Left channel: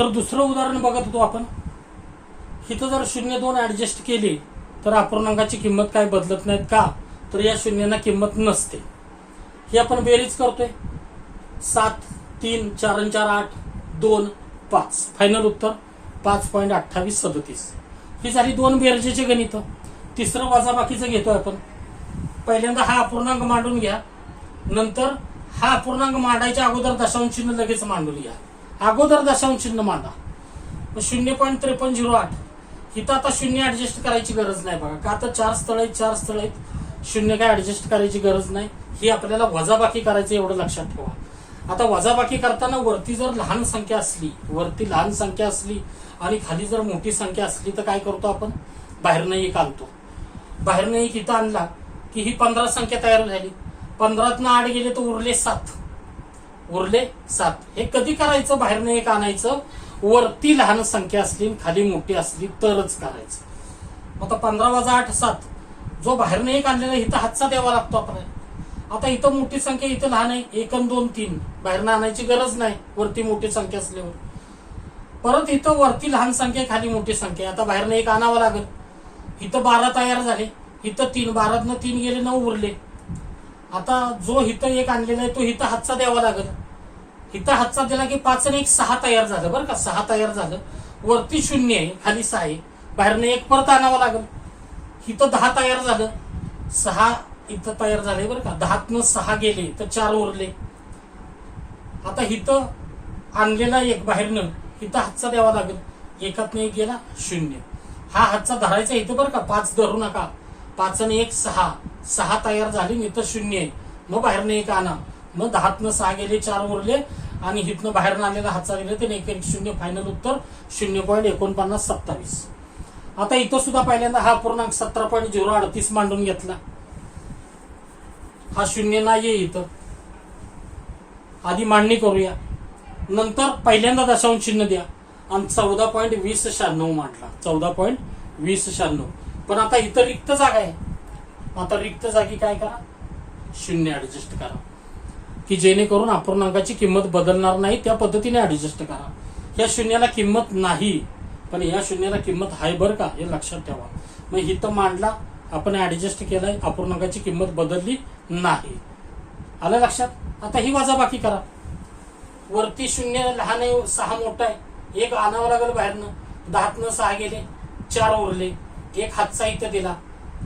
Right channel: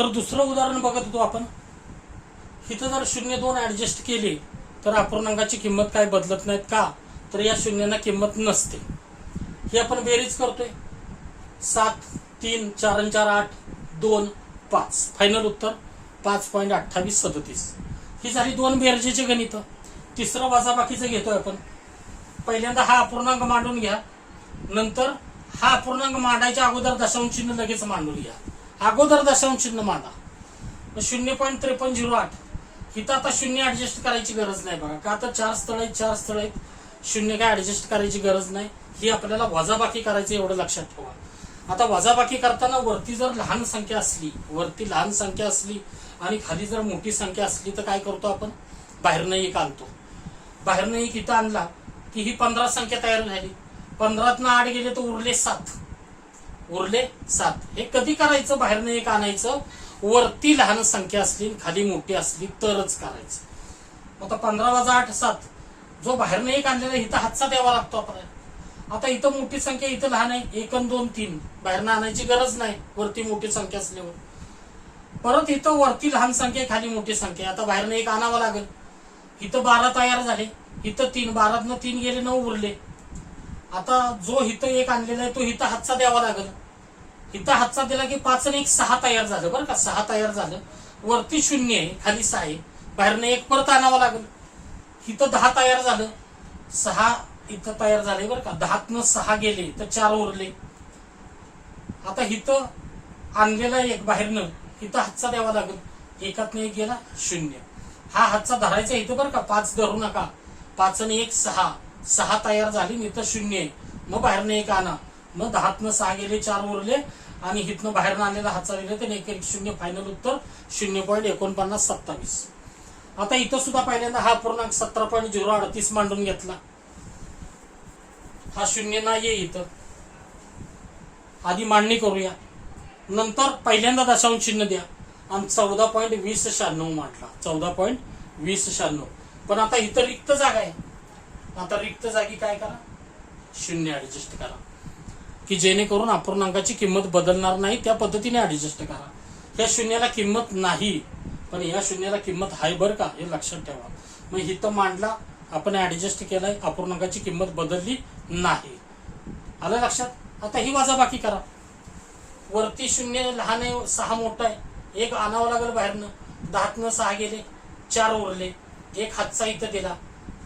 तर दुसरं उदाहरण बघत होतो आपण. इथं जर 0.2 ऍडजस्ट केले तर अपूर्णांकाची किंमत काय बदलत नाहीत का, तर या शून्यांना किंमत नसते. ही आपण बेरीज करतोय. 7, 3, 4 4 8, 2, 5. फायनल उत्तर 5.2837. ही झाली दोन बेरजेचे गणित. तिसरं वजाबाकीचं घेतोय आपण. पहिल्यांदा हा अपूर्णांक मांडून घ्या, नंतर हा अपूर्णांक मांडायच्या अगोदर दशांश चिन्ह लगेच मांडून घ्या. अगोदर दशांश चिन्ह मांडा. 0.5308. इथं आता शून्य ऍडजस्ट करायची गरज नाही बघा, का तर 4 स्थळ आहेत. शून्य काय ऍडजस्ट करायची गरज नाही. ही आपल्याला वजाबाकी करायची, एवढं लक्षात ठेवा. आता वजाबाकी करताना वरती जर लहान संख्या असली आणि खाली जर मोठी संख्या असली तर काय करतो आपण, बाहेरनं एक आणतो. बाहेरनं एक इथं आणला की ही 15 संख्या तयार झाली. 15तनं 8 गेले तर उरले 7. हे कधी करायचं, बाहेरनं एक आणायचं, वरती लहान संख्या असली खाली मोठी असली तरच करायचं. आता 15 वजा 8 7. जो बाहेरनं एक आणलेला इथं हातचा द्यावा लागतो आपल्याला. आता इथं मोठी संख्या, इथं लहान आहे. 1 आणि 2 3. बाहेरनं आणायची गरज नाही वरती मोठी संख्या असल्यावर. परत इथं वरती लहान संख्या खाली मोठी संख्या. आता बाहेरनं एक आणावं लागेल. इथं 12 तयार झाले, इथं 3. 12तनं 3 गेले 9 उरले. आता जो इथं एक आणलेला आहे तो इथं हातचा द्यावा लागेल. इथं हातचा दिला की 5 आणि 1 6 तयार झालं बरं का. 6 तयार झालं. वरती 0 आहे, खाली 6 आहे. बाहेरनं एक परत आणावं लागेल. इथं 10 तयार झालं. 6 इथं तयार झाले बरं का. 10तनं 6 गेले तर 4 उरले. आता इथं आणलेला एक बाहेरनं इथं हातचा द्यावा लागेल. 1तनं 1 गेला 0. हा हातचा धरायचा इथं बरं का. 5 धरू नका. 5 आणि 1 6. 6 तयार झाली, इथं 0 आहे. मग बाहेरनं एक आणा. मग 10तनं 6 गेले 4 उरले आणि इथनं बाहेरनं आलेला हातचा दिले तर 1 1 0. फायनल उत्तर 0.4927. आता इथं सुद्धा पहिल्यांदा हा पूर्णांक 17.038 मांडून घेतला. हा 0 नाहीये इथं. आधी मांडणी करूया, नंतर पहिल्यांदा दशांश चिन्ह द्या आणि 14.2096 मांडला. 14.2096. पण आता इथं रिक्त जागा आहे. आता रिक्त जागी काय करा, 0 ऍडजस्ट करा की जेणेकरून अपूर्णांकाची किंमत बदलणार नाही. त्या पद्धतीने ऍडजस्ट करा. ह्या शून्याला किंमत नाही, पण या शून्याला किंमत आहे बरं का, हे लक्षात ठेवा. मग इथं मांडला, आपण ऍडजस्ट केलाय, अपूर्णांकाची किंमत बदलली नाही. आलं लक्षात. आता ही वजाबाकी करा. वरती 0 लहान आहे, 6 मोठा आहे. एक आणावं लागेल बाहेरनं. 10तनं 6 गेले 4 उरले. एक हातचा इथं दिला.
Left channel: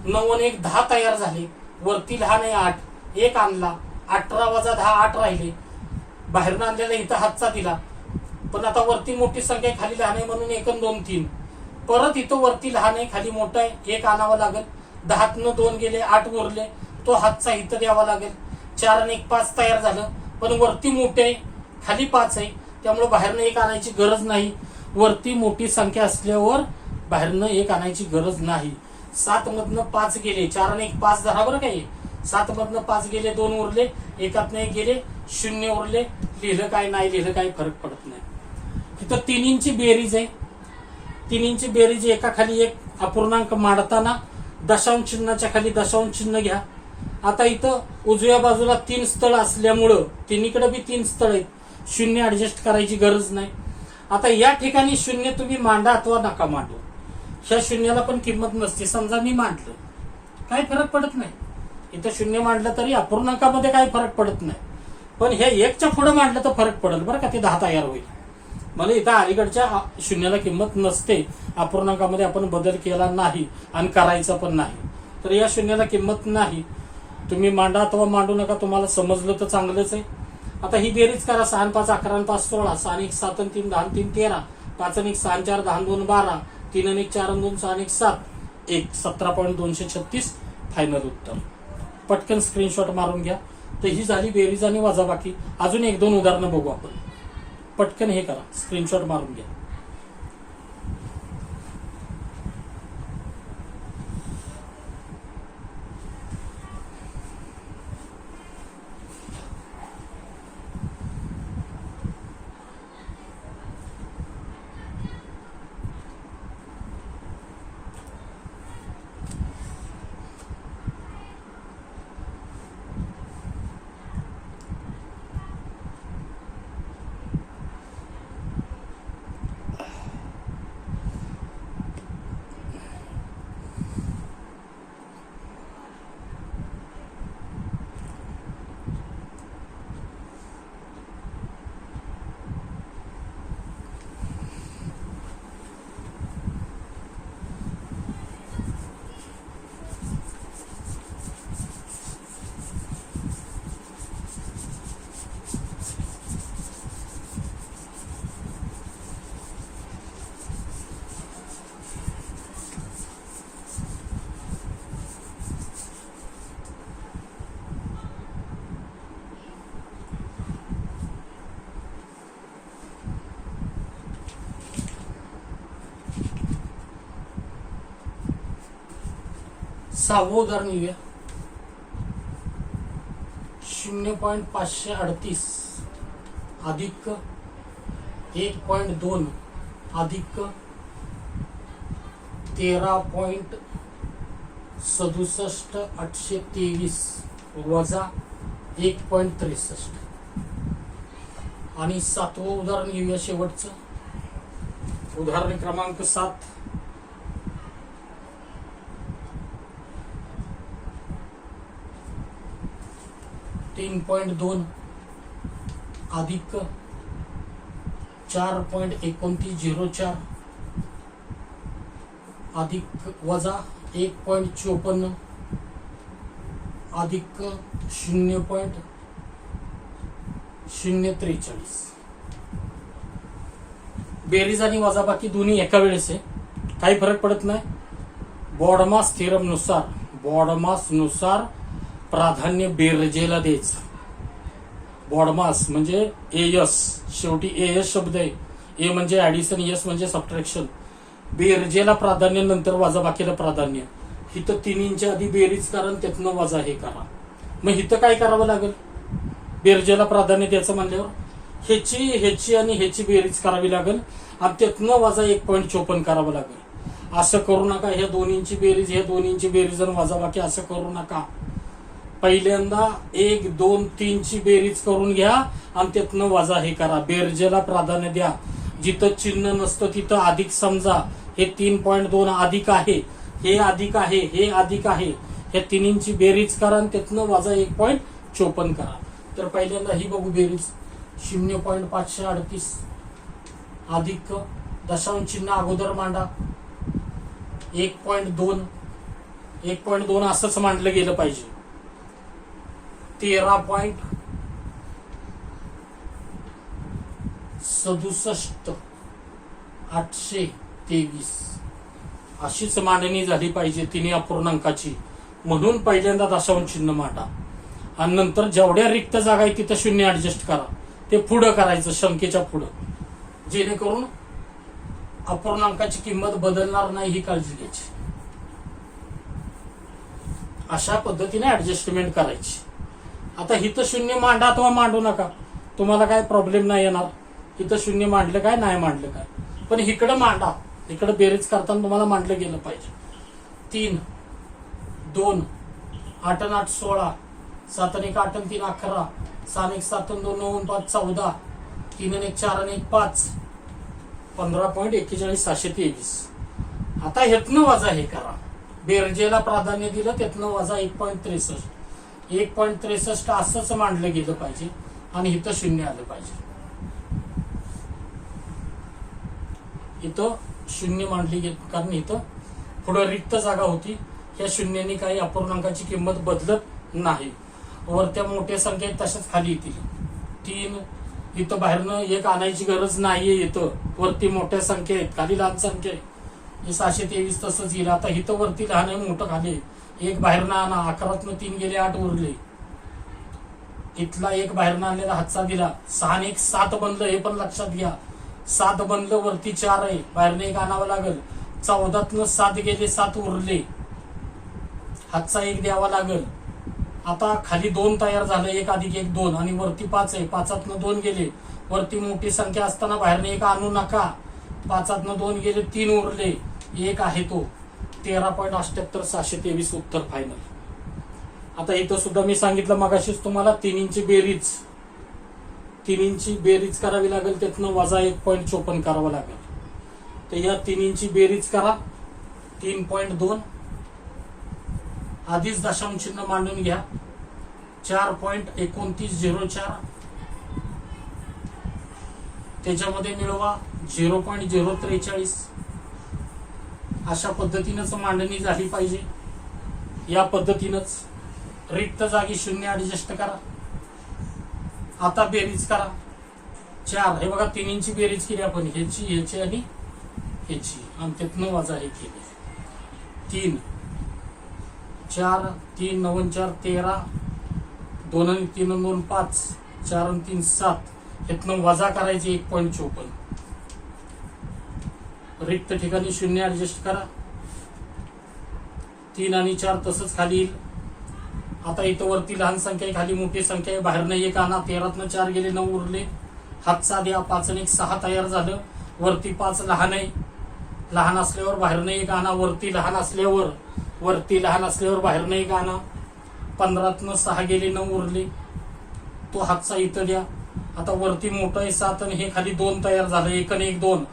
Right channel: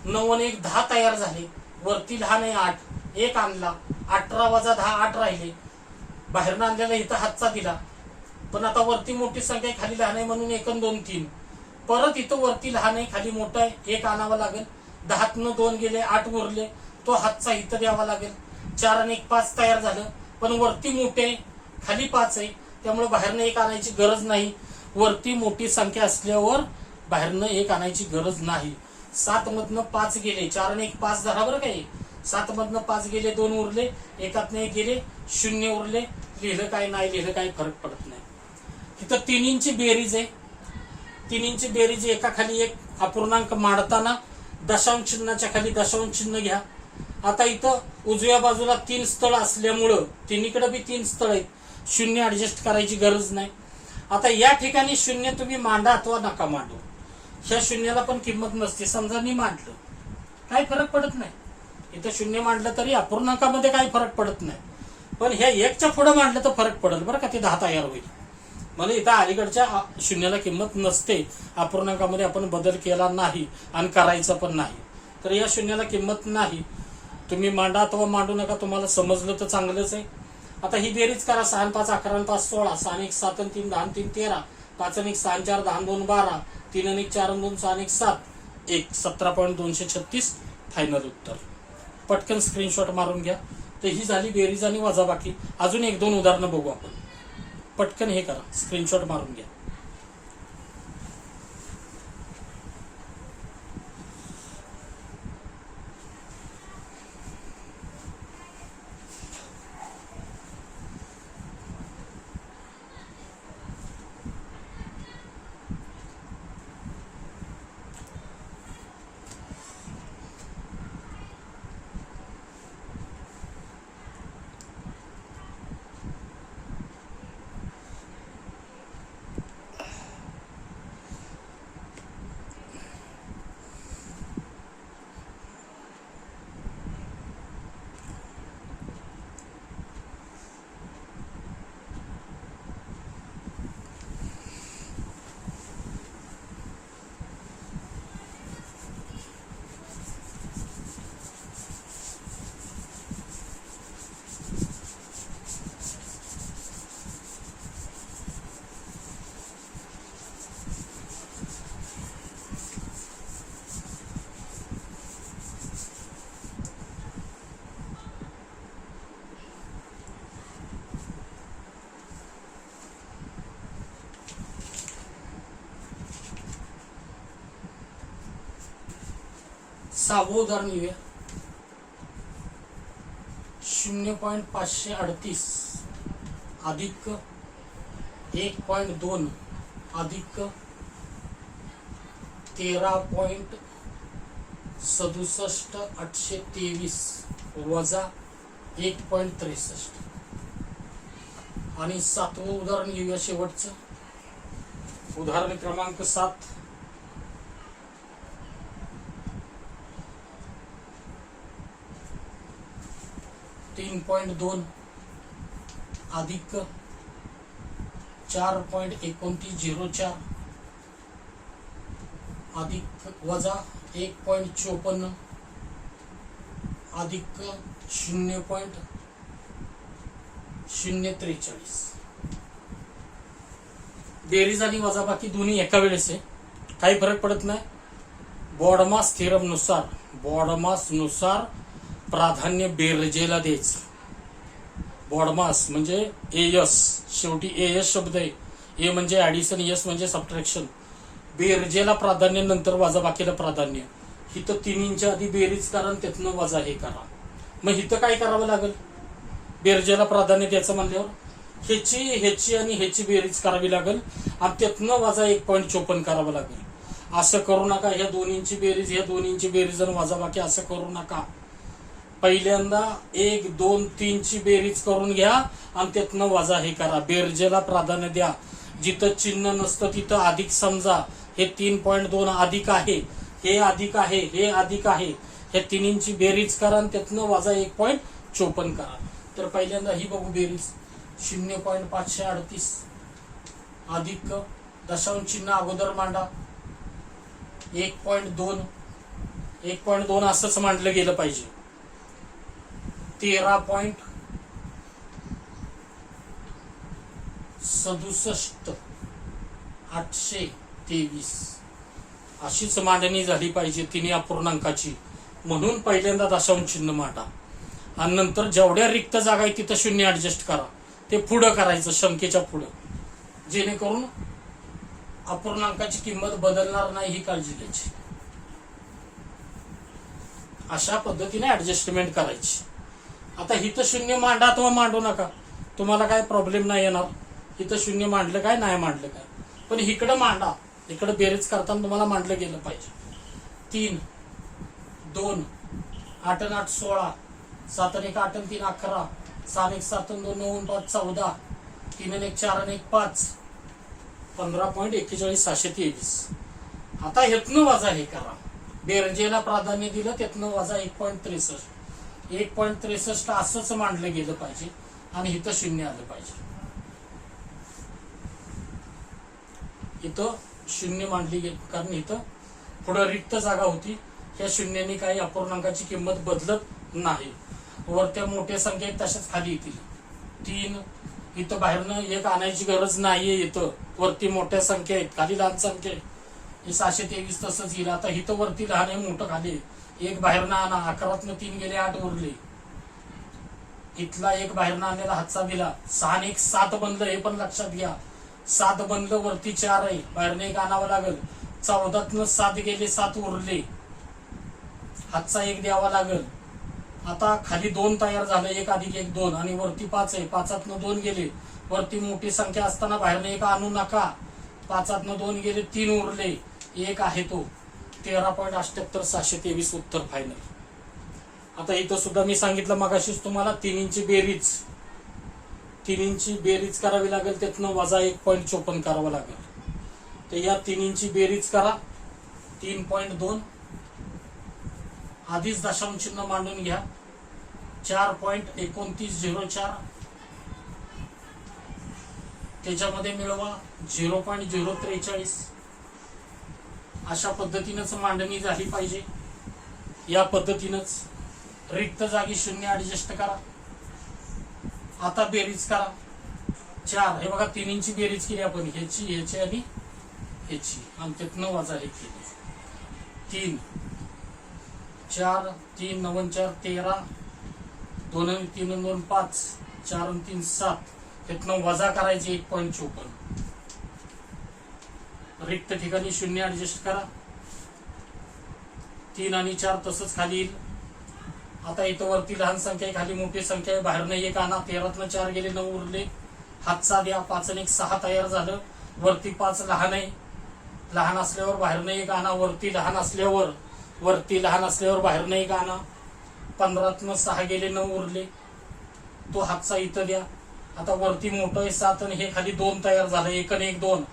9 आणि 1 10 तयार झाले. वरती लहान आहे 8. एक आणला. 18 वजा 10 8 राहिले. बाहेरनं आणलेला इथं हातचा दिला. पण आता वरती मोठी संख्या आहे, खाली लहान आहे म्हणून 1 आणि 2 3. परत इथं वरती लहान आहे, खाली मोठा आहे. एक आणावं लागेल. 10तनं 2 गेले 8 उरले. तो हातचा इथं द्यावा लागेल. 4 आणि 1 5 तयार झालं. पण वरती मोठे आहे, खाली 5 आहे. त्यामुळे बाहेरनं एक आणायची गरज नाही. वरती मोठी संख्या असल्यावर बाहेरनं एक आणायची गरज नाही. 7 मधनं 5 गेले. 4 आणि 1 5 धरा बरं काही. 7 मधनं 5 गेले 2 उरले. 1तनं 1 गेले 0 उरले. लिहिलं काय नाही लिहिलं काय फरक पडत नाही. तिथं तिन्हींची बेरीज आहे. तिन्हींची बेरीज एका खाली एक अपूर्णांक मांडताना दशांश चिन्हाच्या खाली दशांश चिन्ह घ्या. आता इथं उजव्या बाजूला 3 स्थळ असल्यामुळं तिन्हीकडे बी 3 स्थळ आहेत. 0 ऍडजस्ट करायची गरज नाही. आता या ठिकाणी 0 तुम्ही मांडा अथवा नका मांडू, ह्या शून्याला पण किंमत नसते. समजा मी मांडलं, काय फरक पडत नाही. इथं 0 मांडलं तरी अपूर्णांकामध्ये काही फरक पडत नाही. पण हे 1च्या पुढे मांडलं तर फरक पडेल बरं का. ते 10 तयार होईल. म्हणजे इथं अलीकडच्या शून्याला किंमत नसते. अपूर्णांकामध्ये आपण बदल केला नाही आणि करायचा पण नाही, तर या शून्याला किंमत नाही. तुम्ही मांडा अथवा मांडू नका, तुम्हाला समजलं तर चांगलंच आहे. आता ही बेरीज करा. 6 आणि 5 11 आणि 5 16. 6 आणि 1 7 आणि 3 10 आणि 3 13. 5 आणि 1 6 आणि 4 10 आणि 2 12. 3 आणि 1 4 आणि 2 6 आणि 1 7. 17.236 फायनल उत्तर. पटकन स्क्रीनशॉट मारून घ्या. तर ही झाली बेरीज आणि वजाबाकी. अजून 1-2 उदाहरणं बघू आपण. पटकन हे करा, स्क्रीनशॉट मारून घ्या. 6वं उदाहरण घेऊया. 0.538 अधिक 1.2 अधिक 13.67,823 वजा 1.63. आणि 7वं उदाहरण घेऊया शेवटचं. उदाहरण क्रमांक 7. 3.2 अधिक 4.2904 अधिक वजा 1.54 अधिक 0.043. बेरीज आणि वजाबाकी दोन्ही एका वेळेस आहे, काही फरक पडत नाही. बॉडमास थेरम नुसार प्राधान्य बेरजेला द्यायचं. बॉडमास म्हणजे एस, शेवटी एस शब्द आहे. ए म्हणजे ऍडिशन, एस म्हणजे सबट्रॅक्शन. बेरजेला प्राधान्य, नंतर वजाबाकीला प्राधान्य. हिथं तिन्हींच्या आधी बेरीज करा, त्यातनं वजा हे करा. मग हिथं काय करावं लागेल? बेरजेला प्राधान्य द्यायचं म्हणल्यावर ह्याची आणि ह्याची बेरीज करावी लागेल आणि त्यातनं वजा 1.54 करावं लागेल. असं करू नका. ह्या दोन्हींची बेरीज, ह्या दोन्हींची बेरीज आणि वजाबाकी असं करू नका. पहिल्यांदा 1, 2, 3 ची बेरीज करून घ्या आणि त्यातनं वजा हे करा. बेरजेला प्राधान्य द्या. जिथं चिन्ह नसतं तिथं अधिक समजा. हे 3.2 अधिक आहे, हे अधिक आहे, हे अधिक आहे. हे तिन्हींची बेरीज करा आणि त्यातनं वजा 1.54 करा. तर पहिल्यांदा ही बघू बेरीज. 0.538 अधिक दशांश चिन्ह अगोदर मांडा 1.2. 1.2 असंच मांडलं गेलं पाहिजे. 13.67,823 अशीच मांडणी झाली पाहिजे तिन्ही अपूर्णांकाची. म्हणून पहिल्यांदा दशांश चिन्ह मांडा आणि नंतर जेवढ्या रिक्त जागा आहे तिथं 0 ऍडजस्ट करा. ते पुढं करायचं, संख्येच्या पुढं, जेणेकरून अपूर्णांकाची किंमत बदलणार नाही ही काळजी घ्यायची. अशा पद्धतीने ऍडजस्टमेंट करायची. आता हिथं 0 मांडा अथवा मांडू नका, तुम्हाला काय प्रॉब्लेम नाही येणार. इथं 0 मांडलं काय, नाही मांडलं काय, पण इकडं मांडा. इकडं बेरीज करताना तुम्हाला मांडलं गेलं पाहिजे. 3, 2, 8 आणि 8 16, 7 आणि 1 8 आणि 3 11, 6 आणि 1 7 आणि 2 9 आणि 5 14, 3 आणि 1 4 आणि 1 5, 15.41,623. आता ह्यातनं वजा हे करा. बेरजेला प्राधान्य दिलं, त्यातनं वजा 1.63. 1.63 असंच मांडलं गेलं पाहिजे आणि इथं 0 आलं पाहिजे. इथं 0 मांडली गेली कारण इथं पुढं रिक्त जागा होती. ह्या शून्याने काही अपूर्णांकाची किंमत बदलत नाही. वरत्या मोठ्या संख्या तशाच खाली येतील. 3 इथं बाहेरनं 1 आणायची गरज नाहीये. इथं वरती मोठ्या संख्या आहेत, खाली लहान संख्या आहे. 623 तसंच येईल. आता इथं वरती लहान आहे, मोठं खाली. 1 बाहेरनं आणा, 11तनं 3 गेले, 8 उरले. इथला 1 बाहेरनं आणलेला हातचा दिला. 6 आणि 1 7 बनलं, हे पण लक्षात घ्या. 7 बनलं, वरती 4 आहे, बाहेरनं 1 आणावं लागेल. 14तनं 7 गेले, 7 उरले, हातचा 1 द्यावा लागेल. आता खाली 2 तयार झालं, 1 अधिक 1 2 आणि वरती 5 आहे. 5तनं 2 गेले, वरती मोठी संख्या असताना बाहेरनं 1 आणू नका. 5तनं 2 गेले, 3 उरले, 1 आहे तो. 13.78,623 उत्तर फायनल. आता इथं सुद्धा मी सांगितलं मगाशीच तुम्हाला, तिन्हींची बेरीज करावी लागेल, त्यातनं वजा 1.54 करावं लागेल. तर या तिन्हींची बेरीज करा. 3.2 आधीच दशांश चिन्ह मांडून घ्या. 4.2904 त्याच्यामध्ये मिळवा 0.043. अशा पद्धतीनंच मांडणी झाली पाहिजे. या पद्धतीनंच रिक्त जागी 0 ऍडजस्ट करा. आता बेरीज करा. 4 हे बघा, तिन्हींची बेरीज केली आपण, ह्याची आणि ह्याची, आणि त्यातनं वजा हे केली. 3 4 3 9 4 13, 2 आणि 3 आणि 2 5, 4 आणि 3 7, त्यातनं वजा करायचे 1.54. रिक्त ठिकाणी 0 ऍडजस्ट करा. 3 आणि 4 तसंच खाली येईल. आता इथं वरती लहान संख्या आहे, खाली मोठी संख्या आहे, बाहेरनं 1 आणा. 13तनं 4 गेले, 9 उरले. हातचा द्या. 5 आणि 1 6 तयार झालं. वरती 5 लहान आहे, लहान असल्यावर बाहेरनं 1 आणा. वरती लहान असल्यावर बाहेरनं 1 आणा. 15तनं 6 गेले, 9 उरले. तो हातचा इथं द्या. आता वरती मोठं आहे 7 आणि हे खाली 2 तयार झालं. 1 आणि 1 2.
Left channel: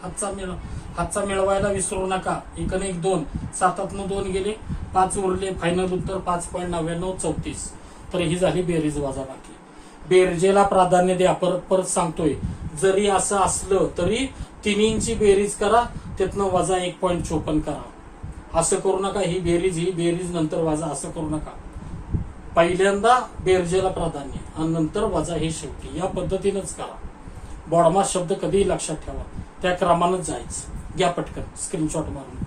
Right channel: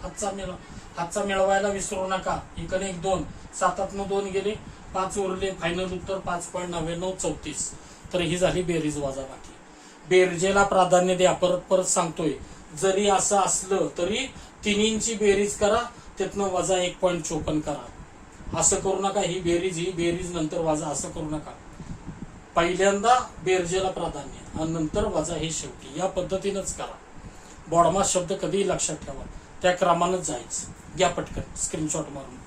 हातचा मिळवायला विसरू नका. 1 आणि 1 2. 7तनं 2 गेले, 5 उरले. फायनल उत्तर 5.9934. तर ही झाली बेरीज वजाबाकी. बेरजेला प्राधान्य द्या. परत सांगतोय, जरी असं असलं तरी तिन्हींची बेरीज करा, त्यातनं वजा 1.54 करा. असं करू नका, ही बेरीज नंतर वजा, असं करू नका. पहिल्यांदा बेरजेला प्राधान्य आणि नंतर वजा हे शेवटी. या पद्धतीनंच करा. बॉडमास शब्द कधीही लक्षात ठेवा, त्या क्रमानंच जायचं. घ्या पटकन स्क्रीनशॉट मारून.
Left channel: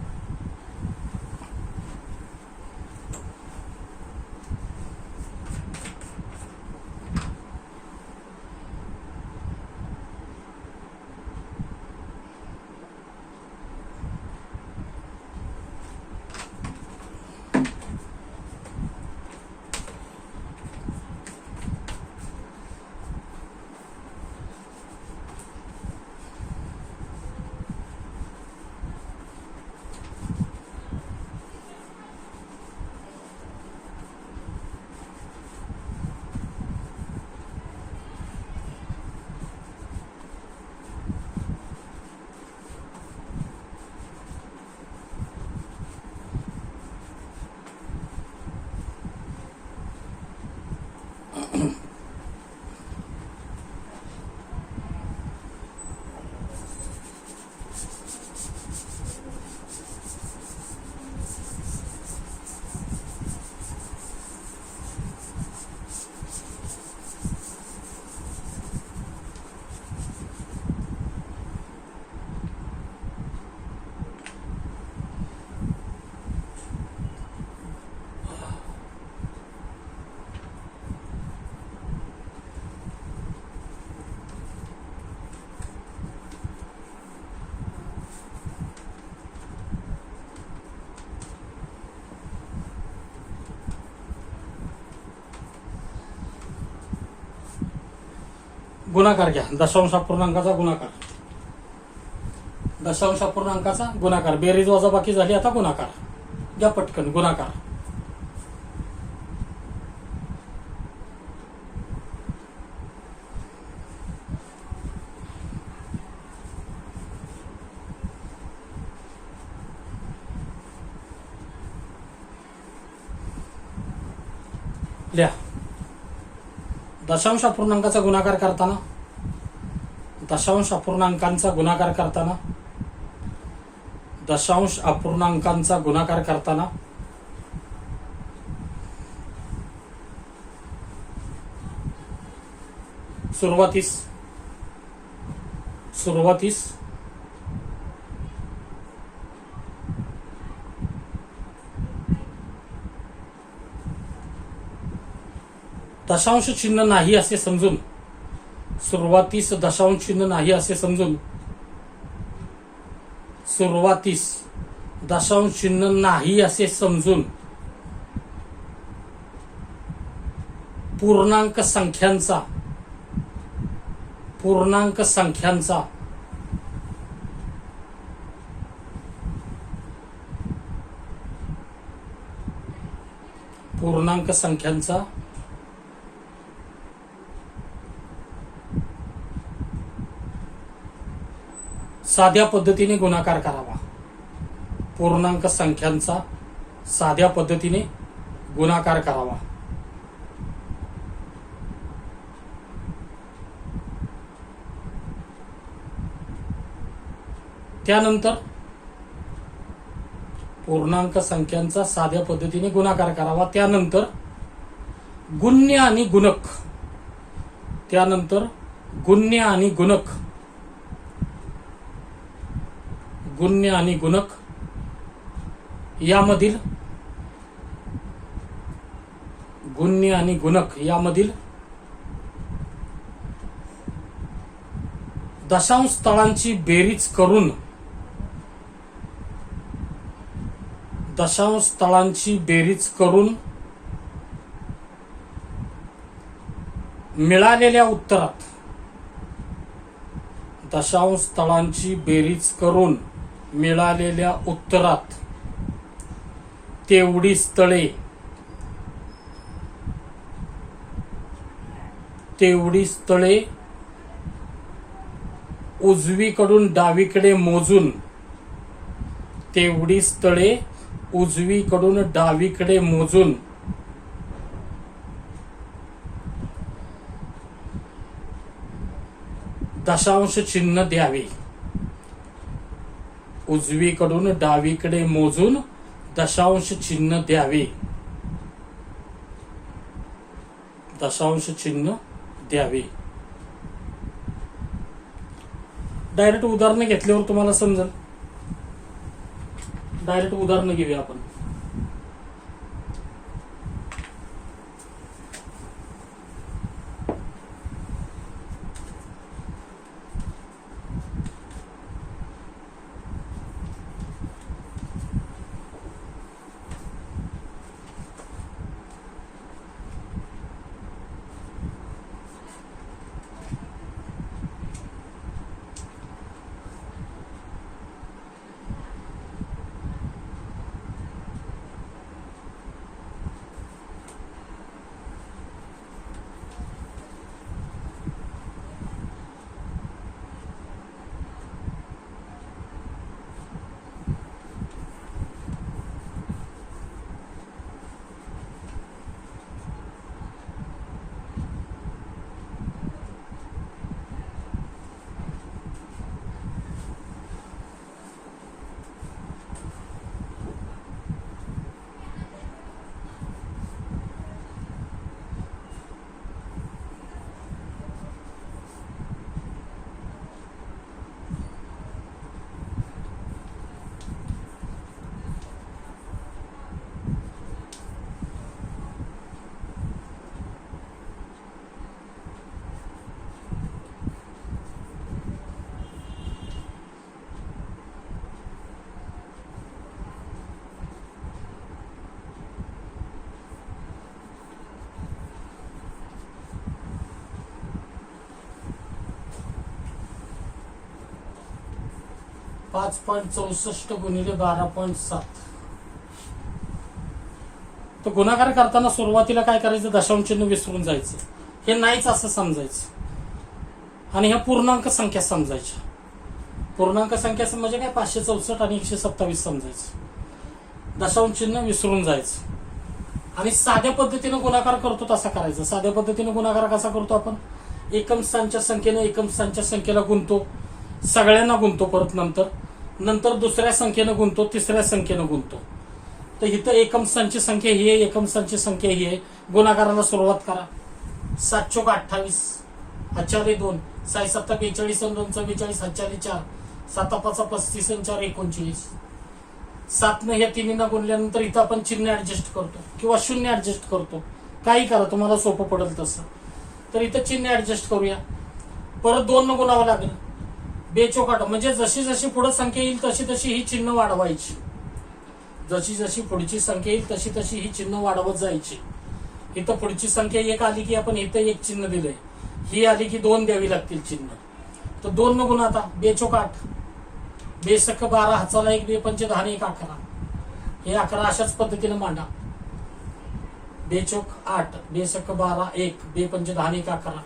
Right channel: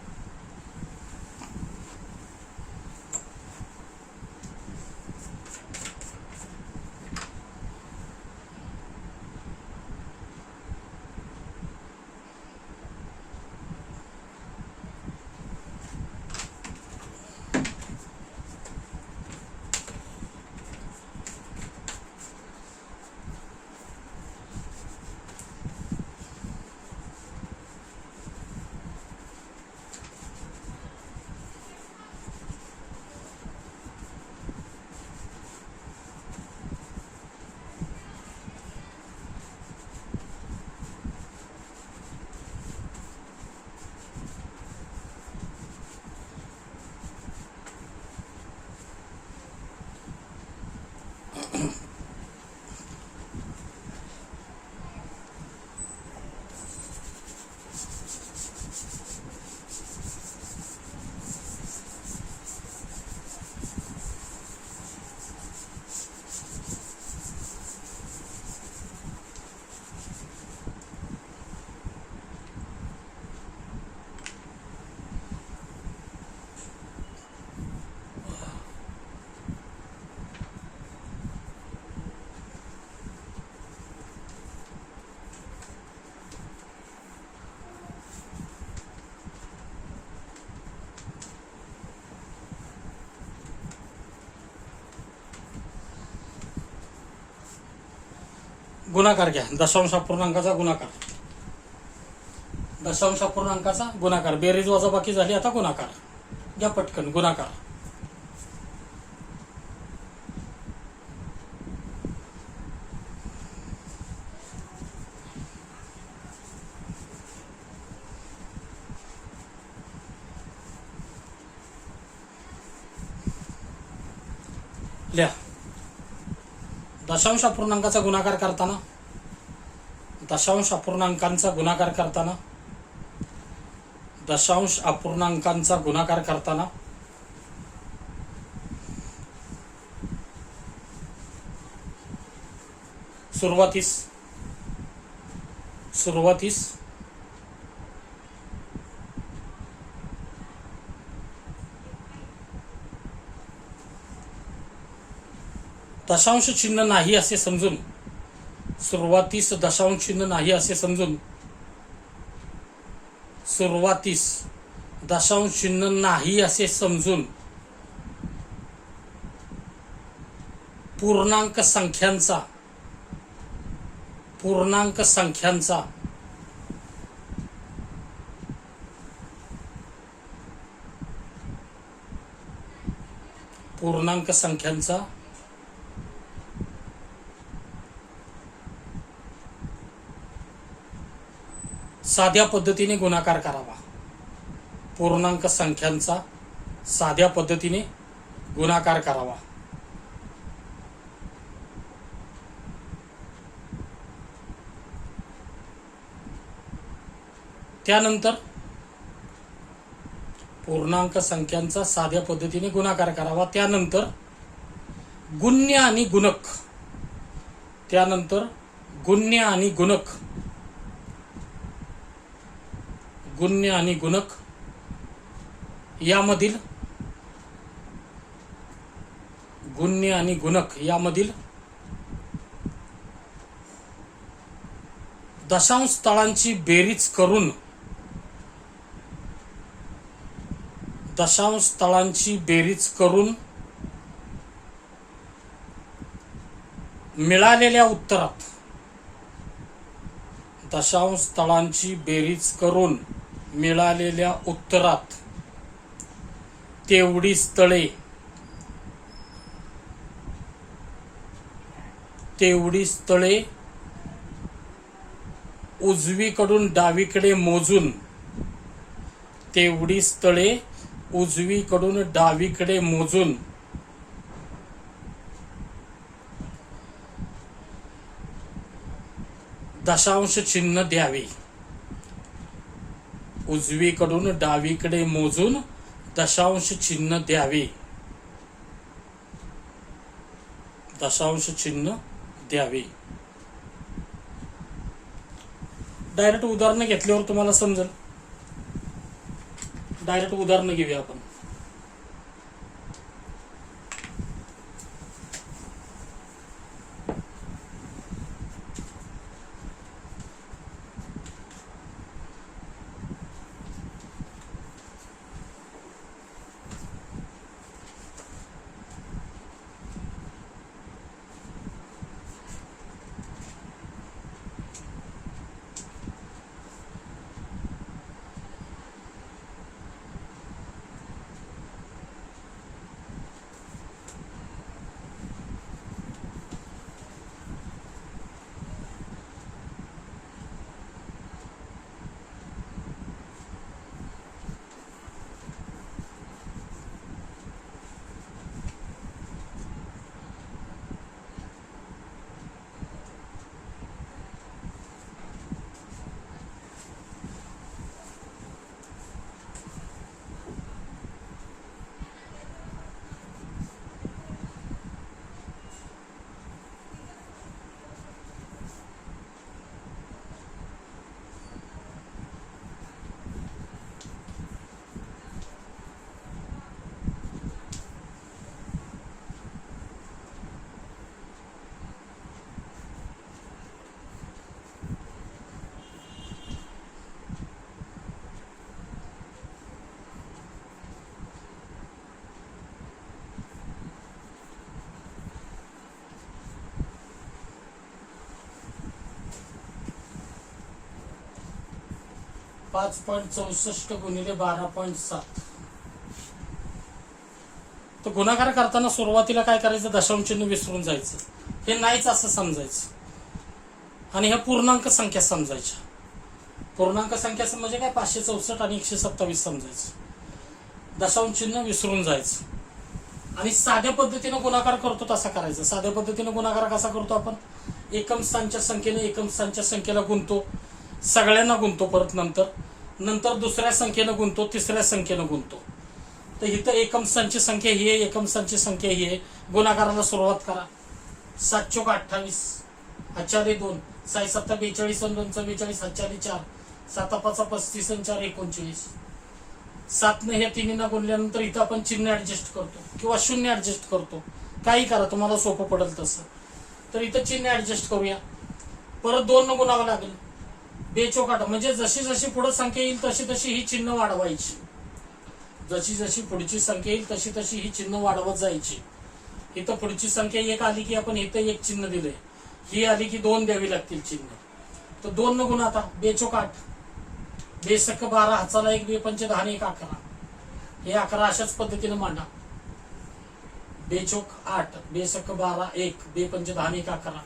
गुणाकार घ्या. दशांश अपूर्णांकाचा गुणाकार. दशांश अपूर्णांकाचा गुणाकार. बेरीज वजाबाकी झाली, आता गुणाकार घ्या पटकन. गुणाकार. लिहा. दशांश अपूर्णांकाचा गुणाकार करताना, दशांश अपूर्णांकांचा गुणाकार करताना, दशांश अपूर्णांकांचा गुणाकार करताना सुरुवातीस दशांश चिन्ह नाही असे समजून, सुरुवातीस दशांश चिन्ह नाही असे समजून, सुरुवातीस दशांश चिन्ह नाही असे समजून पूर्णांक संख्यांचा पूर्णांक संख्यांचा साध्या पद्धतीने गुणाकार करावा. पूर्णांक संख्यांचा साध्या पद्धतीने गुणाकार करावा. त्यानंतर पूर्णांक संख्यांचा साध्या पद्धतीने गुणाकार करावा. त्यानंतर गुण्य आणि गुणक, त्यानंतर गुण्य आणि गुणक, गुण्य आणि गुणक यामधील गुण्य आणि गुणक यामधील दशांश तळांची बेरीज करून दशांश स्थळांची बेरीज करून मिळालेल्या उत्तरात दशांश स्थळांची बेरीज करून मिळालेल्या उत्तरात तेवढी स्थळे उजवीकडून डावीकडे मोजून तेवढी स्थळे उजवीकडून डावीकडे मोजून दशांश चिन्ह द्यावे. उजवीकडून डावीकडे मोजून दशांश चिन्ह द्यावे. दशांश चिन्ह द्यावे. डायरेक्ट उदाहरण घेतल्यावर तुम्हाला समजेल. डायरेक्ट उदाहरण घेऊया आपण. $5.64 गुणिले 12.7. तर गुणाकार करताना सुरुवातीला काय करायचं, दशांश चिन्ह विसरून जायचं. हे नाहीच असं समजायचं आणि ह्या पूर्णांक संख्या समजायच्या. पूर्णांक संख्या म्हणजे काय, 564 आणि 127 समजायचं. दशांश चिन्ह विसरून जायचं आणि साध्या पद्धतीनं गुणाकार करतो तसा करायचा. साध्या पद्धतीनं गुणाकार कसा करतो आपण, एकम स्थानच्या संख्येने एकम स्थानच्या संख्येला गुणतो, सगळ्यांना गुणतो, परत नंतर दुसऱ्या संख्येनं गुणतो, तिसऱ्या संख्येनं गुणतो. तर इथं एकम स्थानची संख्या ही आहे, एकम स्थानची संख्या ही आहे. गुणाकाराला सुरुवात करा. 7 चोक 28, हातचारी 2, 6 7 42 आणि 2 44, हातचारी 4, 7 5 35 आणि 4 39. 7 ने ह्या तिन्हींना गुणल्यानंतर इथं आपण चिन्ह ऍडजस्ट करतो किंवा शून्य ऍडजस्ट करतो. काही करा, तुम्हाला सोपं पडेल तसं. तर इथं चिन्ह ऍडजस्ट करूया. परत 2 न गुणावं लागेल. बेचोक 8 म्हणजे जशी जशी पुढे संख्या येईल तशी तशी ही चिन्ह वाढवायची. जशी जशी पुढची संख्या येईल तशी तशी ही चिन्ह वाढवत जायची. इथं पुढची संख्या 1 आली की आपण इथं 1 चिन्ह दिलंय, ही आली की 2 द्यावी लागतील चिन्ह. तर 2 न गुण आता बेचोक 8, बेसक 12, हाताला 1, 2 पंच 10 1 11. हे 11 अशाच पद्धतीने मांडा. बेचोक 8, बेसक 12, 1, 2 पंच 10 1 11.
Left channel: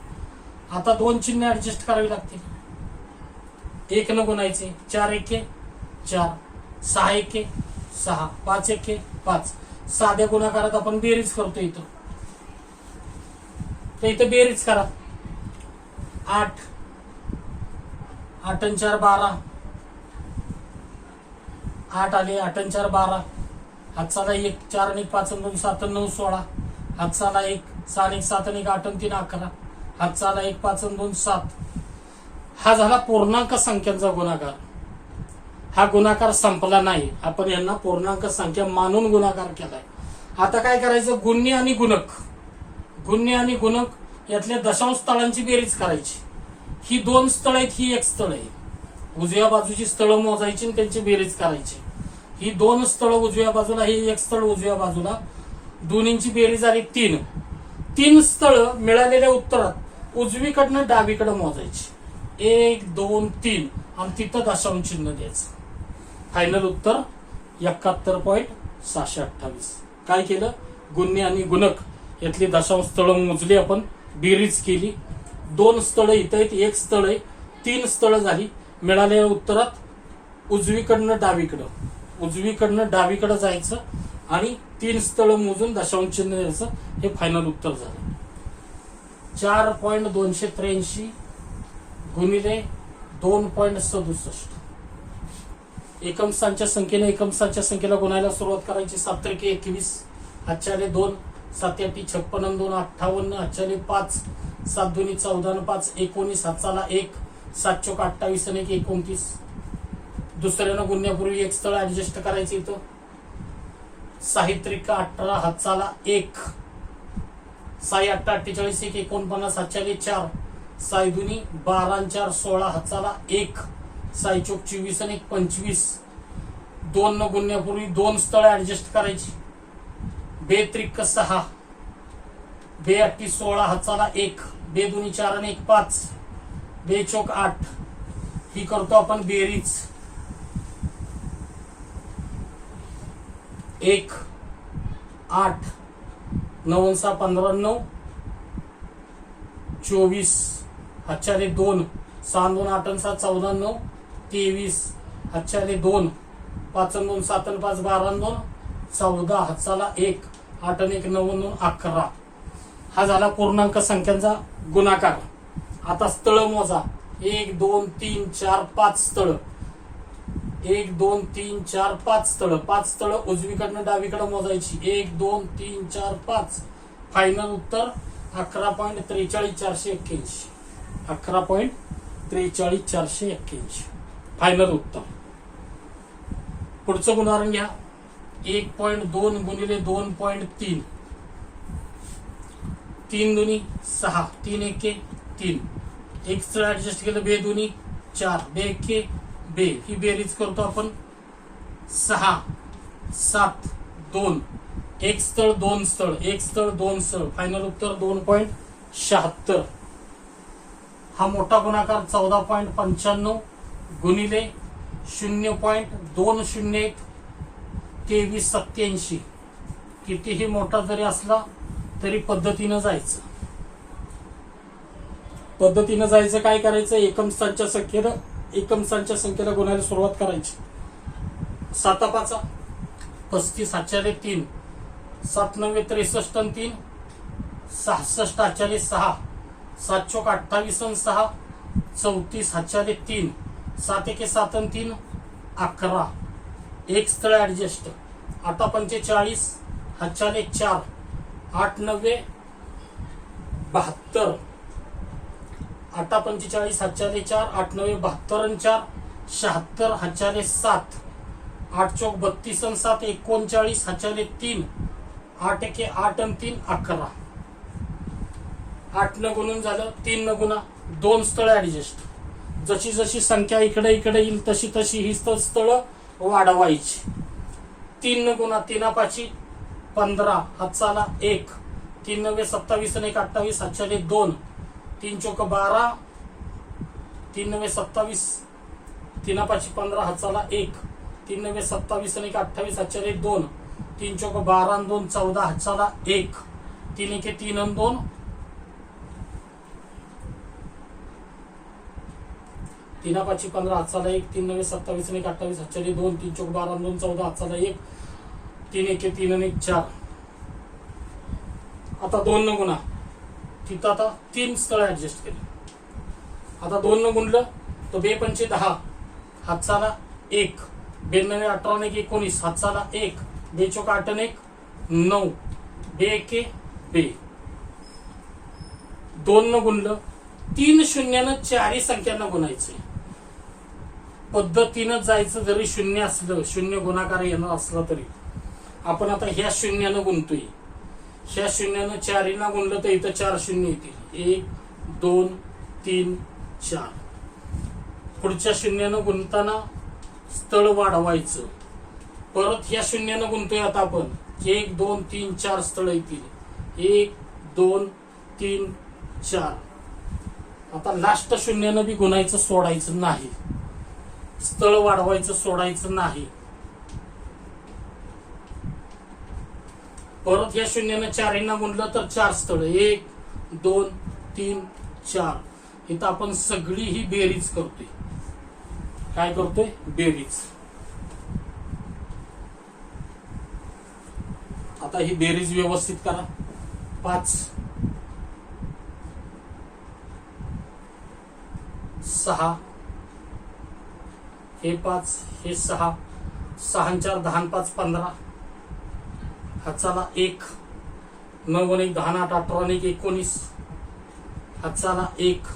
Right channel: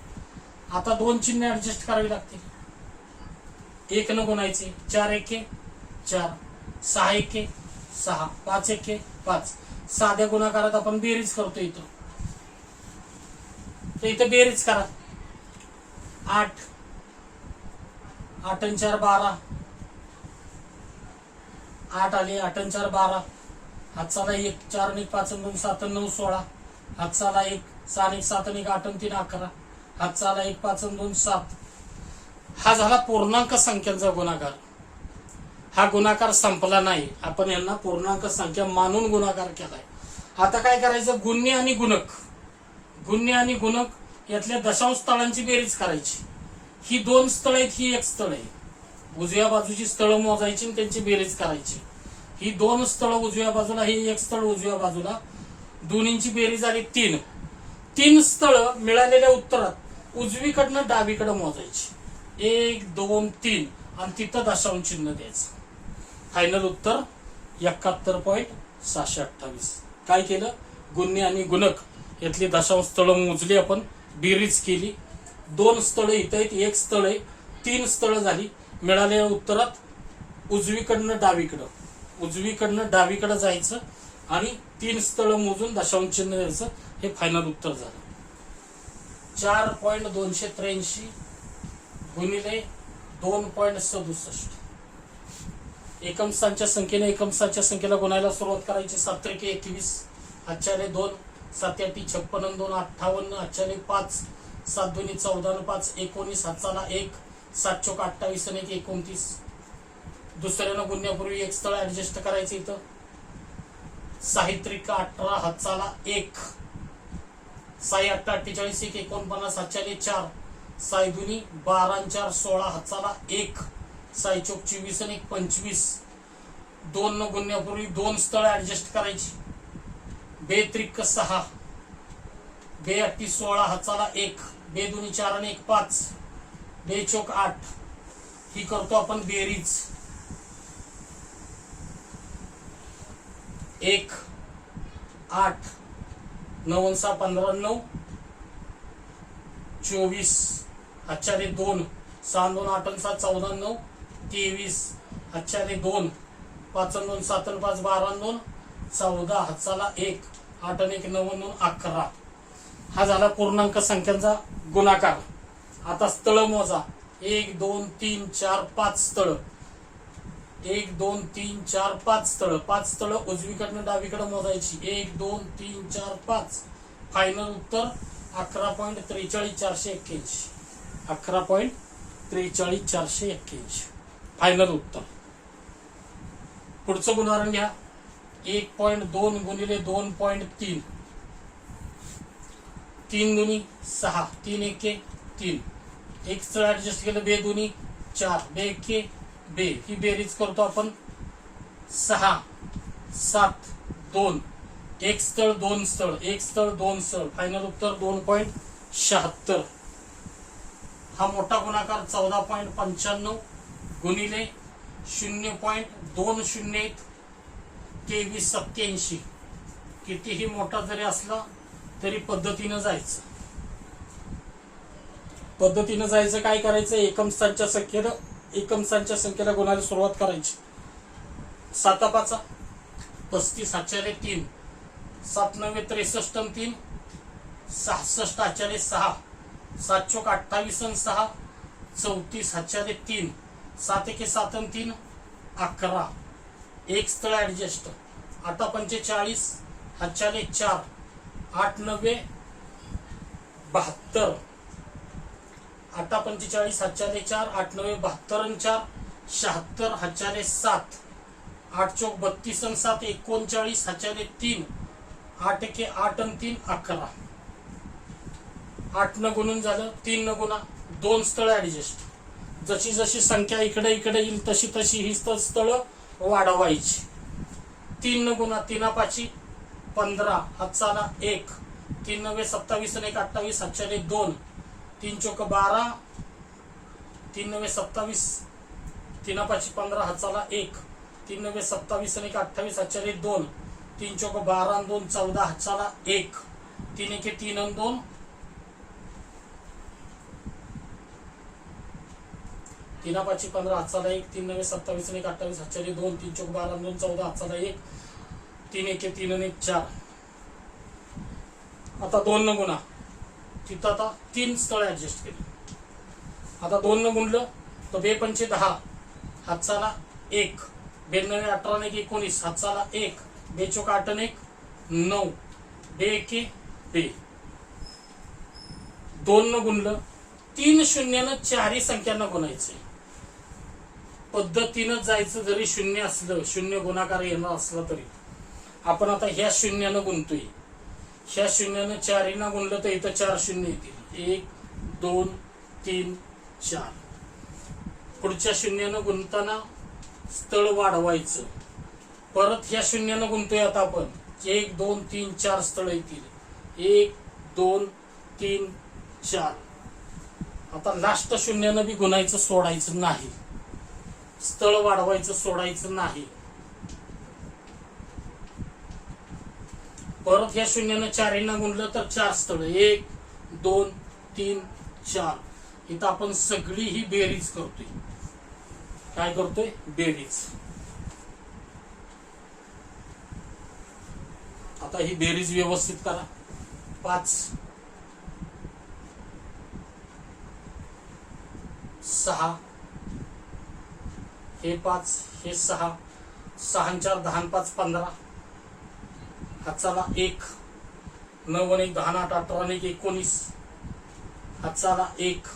आता 2 चिन्ह ऍडजस्ट करावी लागतील. 1 न गुणायचे, 4 1 4, 6 1 6, 5 1 5. साध्या गुणाकारात आपण बेरीज करतो इथं. तर इथं बेरीज करा. 8 8 आणि 4 12, 8 आले, 8 आणि 4 12. हातचाला 1, 4 आणि 1 5 आणि 2 7 आणि 9 16. हातचाला 1, 6 आणि 1 7 आणि 1 8 आणि 3 11. हातचाला 1 5 आणि 2 7. हा झाला पूर्णांक संख्यांचा गुणाकार. हा गुणाकार संपला नाही, आपण यांना पूर्णांक संख्या मानून गुणाकार केलाय. आता काय करायचं, गुण्य आणि गुणक, गुण्य आणि गुणक यातल्या दशांश स्थळांची बेरीज करायची. ही 2 स्थळ आहेत, ही 1 स्थळ आहे. उजव्या बाजूची स्थळं मोजायची आणि त्यांची बेरीज करायची. ही 2 स्थळ उजव्या बाजूला, ही 1 स्थळ उजव्या बाजूला, दोन्हींची बेरीज झाली 3. 3 स्थळ मिळालेल्या उत्तरात उजवीकडनं डावीकडे मोजायची, 1 2 3, आणि तिथं दशांश चिन्ह द्यायचं. फायनल उत्तर 71.628. काय केलं, गुण्य आणि गुणक यातली दशांश स्थळ मोजली आपण, बेरीज केली. 2 स्थळ इथं आहेत, 1 स्थळ आहे, 3 स्थळ झाली. मिळालेल्या उत्तरात उजवीकडनं डावीकडं जायचं आणि 3 स्थळ मोजून दशांश चिन्ह द्यायचं. हे फायनल उत्तर झालं. 4.283 गुणिले 2.67. एकम स्थानच्या संख्येला गुणायला सुरुवात करायची. 7 × 21, 2, 7 × 56, 2 58, 5, 7 × 2 14, 5 19, 1, 7 × 28 आणि 1 29. दुसऱ्यानं गुणण्यापूर्वी 1 स्थळ ऍडजस्ट करायचं इथं. 6 × 3 18, 1, 6 8 48, 1 49, 4, 6 2 12, 4 16, 1, 6 4 24 आणि 1 25. 2 न गुणण्यापूर्वी 2 स्थळ ऍडजस्ट करायची. 2 3 6, 2 8 16, 1, 2 2 4 आणि 1 5, 2 4 8. ही करतो आपण बेरीज. 1 8 9 6 15 9 24, 2, 6 2 8 7 14 9 23, 2, 5 2 7 5 12 2 14, 1, 8 1 9 9 11. हा झाला पूर्णांक संख्यांचा गुणाकार. आता स्थळ मोजा. 1 2 3 4 5 स्थळ. 1 2 3 4 5 स्थळ. 5 स्थळ उजवीकडनं डावीकडे मोजायची. 1 2 3 4 5. फायनल उत्तर 11.43,481. 11.43,481 फायनल उत्तर. पुढचं उदाहरण घ्या. 1.2 गुणिले 2.3. 3 2 6, 3 1 3. 1 स्थळ ऍडजस्ट केलं. 2 2 4, 2 1 2. ही बेरीज करतो आपण. 6 7 2. 1 स्थळ 2 स्थळ, 1 स्थळ 2 स्थळ. फायनल उत्तर 2.76. हा मोठा गुणाकार 14.95 गुणिले 0.201 2387. कितीही मोठा जरी असला तरी पद्धतीनं जायचं. काय करायचं, एकम स्थानच्या संख्येला गुणायला सुरुवात करायची. 7 5 35, 3, 7 9 63 3, 66, 6, 7 4 28 6, 34, 3, 7 1 7 3, 11. 1 स्थळ ऍडजस्ट. 8 45, 4, 8 9 72. 8 45, 4, 8 9 72 4, 76, 7, 8 4 32 7, 39, 3, 8 1 8 3, 11. 8 न गुणून झालं. 3 न गुणा. 2 स्थळ ऍडजस्ट. जशी जशी संख्या इकडे येईल तशी ही स्थळ वाढवायची. 3 न गुणा. 3 5 15, 1, 3 9 27 आणि 1 28, 2, 3 4 12, 3 9 27, 3 5 15, 1, 3 9 27 आणि 1 28, 2, 3 4 12 2 14, 1, 3 1 3 आणि 2, 3 5 15, 1, 3 9 27 आणि 1 28, 2, 3 4 12 2 14, 1, 3 1 3 आणि 1 4. आता 2 न गुणा. तिथं आता 3 स्थळ ऍडजस्ट केले. आता 2 न गुणलं तर 2 5 10, 1, 2 9 18 आणि 19, 1, 2 4 8 आणि 9, 2 1 2. 2 न गुणलं. 3 शून्यानं 4 संख्यांना गुणायचे. पद्धतीनं जायचं. जरी शून्य असलं, शून्य गुणाकार येणार असला तरी आपण आता ह्या शून्यानं गुणतोय. ह्या शून्यानं 4 ना गुणलं तर इथं 4 शून्य येतील. 1 2 3 4. पुढच्या शून्यानं गुणताना स्थळ वाढवायचं. परत ह्या शून्यानं गुणतोय आता आपण. 1 2 3 4 स्थळ येतील. 1 2 3 4. आता लास्ट शून्यानं बी गुणायचं सोडायचं नाही. स्थळ वाढवायचं सोडायचं नाही. परत या शून्यानं 4 ना गुणलं तर 4 स्थळ. 1 2 3 4. इथं आपण सगळी ही बेरीज करतोय. काय करतोय? बेरीज. आता ही बेरीज व्यवस्थित करा. 5 6 हे 5 हे 6. 6 4 10 5 15. हातचाला 1 9 1 10 8 18 1 19. हातचाला 1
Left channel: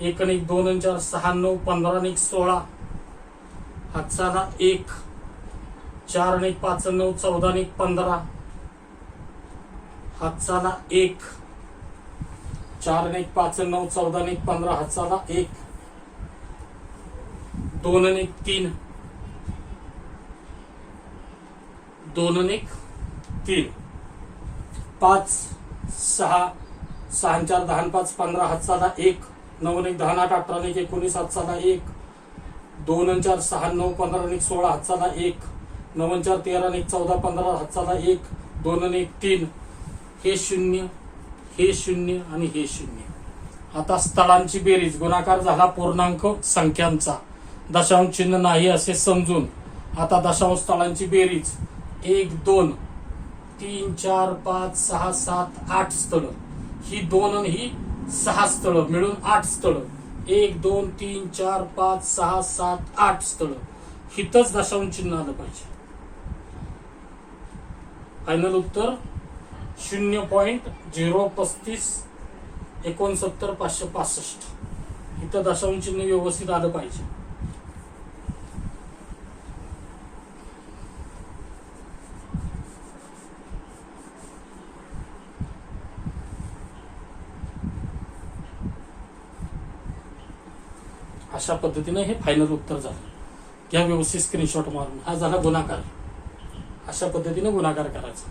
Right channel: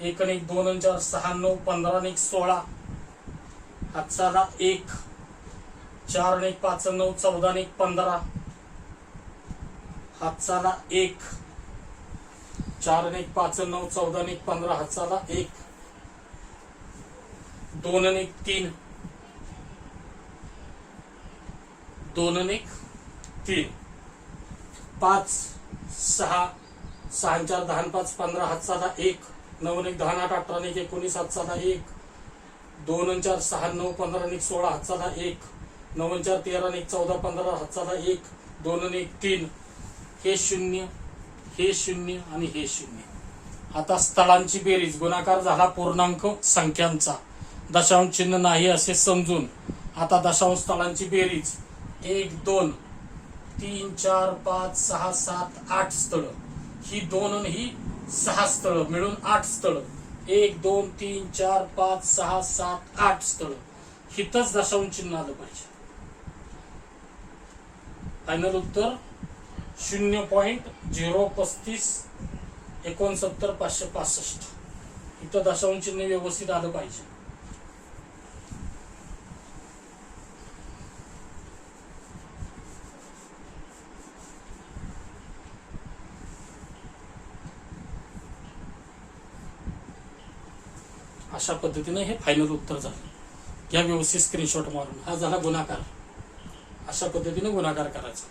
1 1 2 4 6 9 15 1 16. हातचाला 1 4 1 5 9 14 1 15. हातचाला 1 4 1 5 9 14 1 15. हातचाला 1 2 1 3 2 1 3. 5 6 6 4 10 5 15. हातचाला 1 9 1 10 8 18 1 19. हातचाला 1 2 4 6 9 15 1 16. हातचाला 1 9 4 13 1 14 15. हातचाला 1 2 1 3. हे 0 हे 0 आणि हे 0. आता स्थळांची बेरीज. गुणाकार झाला पूर्णांक संख्यांचा. दशांश चिन्ह नाही असे समजून आता दशांश स्थळांची बेरीज. 1 2 3 4 5 6 7 8 स्थळ. ही 2 आणि ही 6 स्थळ मिळून 8 स्थळ. 1 2 3 4 5 6 7 8 स्थळ. हितच दशांश चिन्ह आलं पाहिजे. फायनल उत्तर 0.035 69 565. इथं दशांश चिन्ह व्यवस्थित आलं पाहिजे. अशा पद्धतीने हे फायनल उत्तर झालं. या व्यवस्थित स्क्रीनशॉट मारून. हा झाला गुणाकार. अशा पद्धतीने गुणाकार करायचा.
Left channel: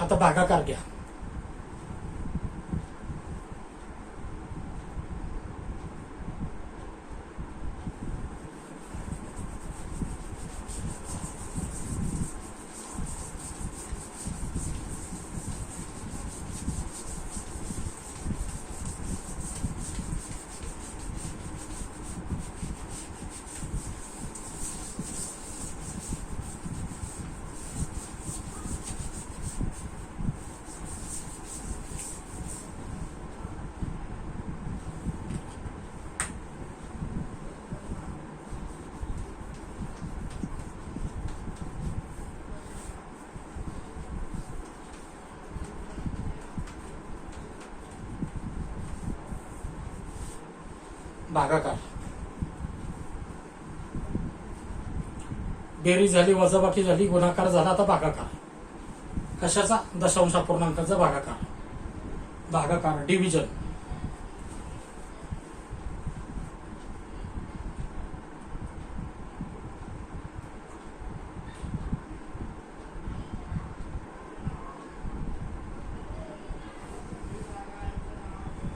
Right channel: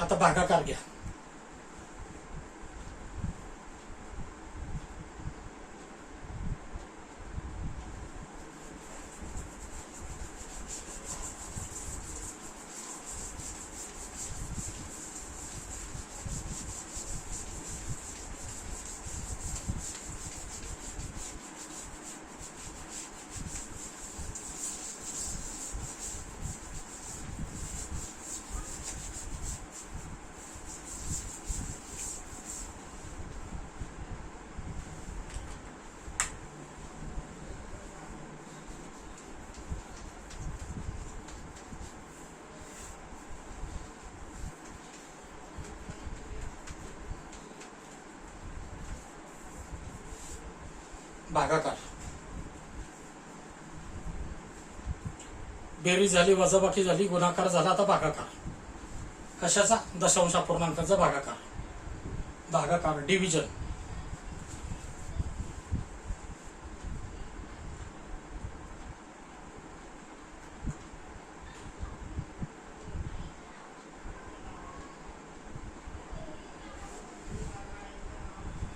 आता भागाकार घ्या. भागाकार. बेरीज झाली, वजाबाकी झाली, गुणाकार झाला, आता भागाकार. कशाचा? दशांश अपूर्णांकाचा भागाकार. भागाकार डिव्हिजन.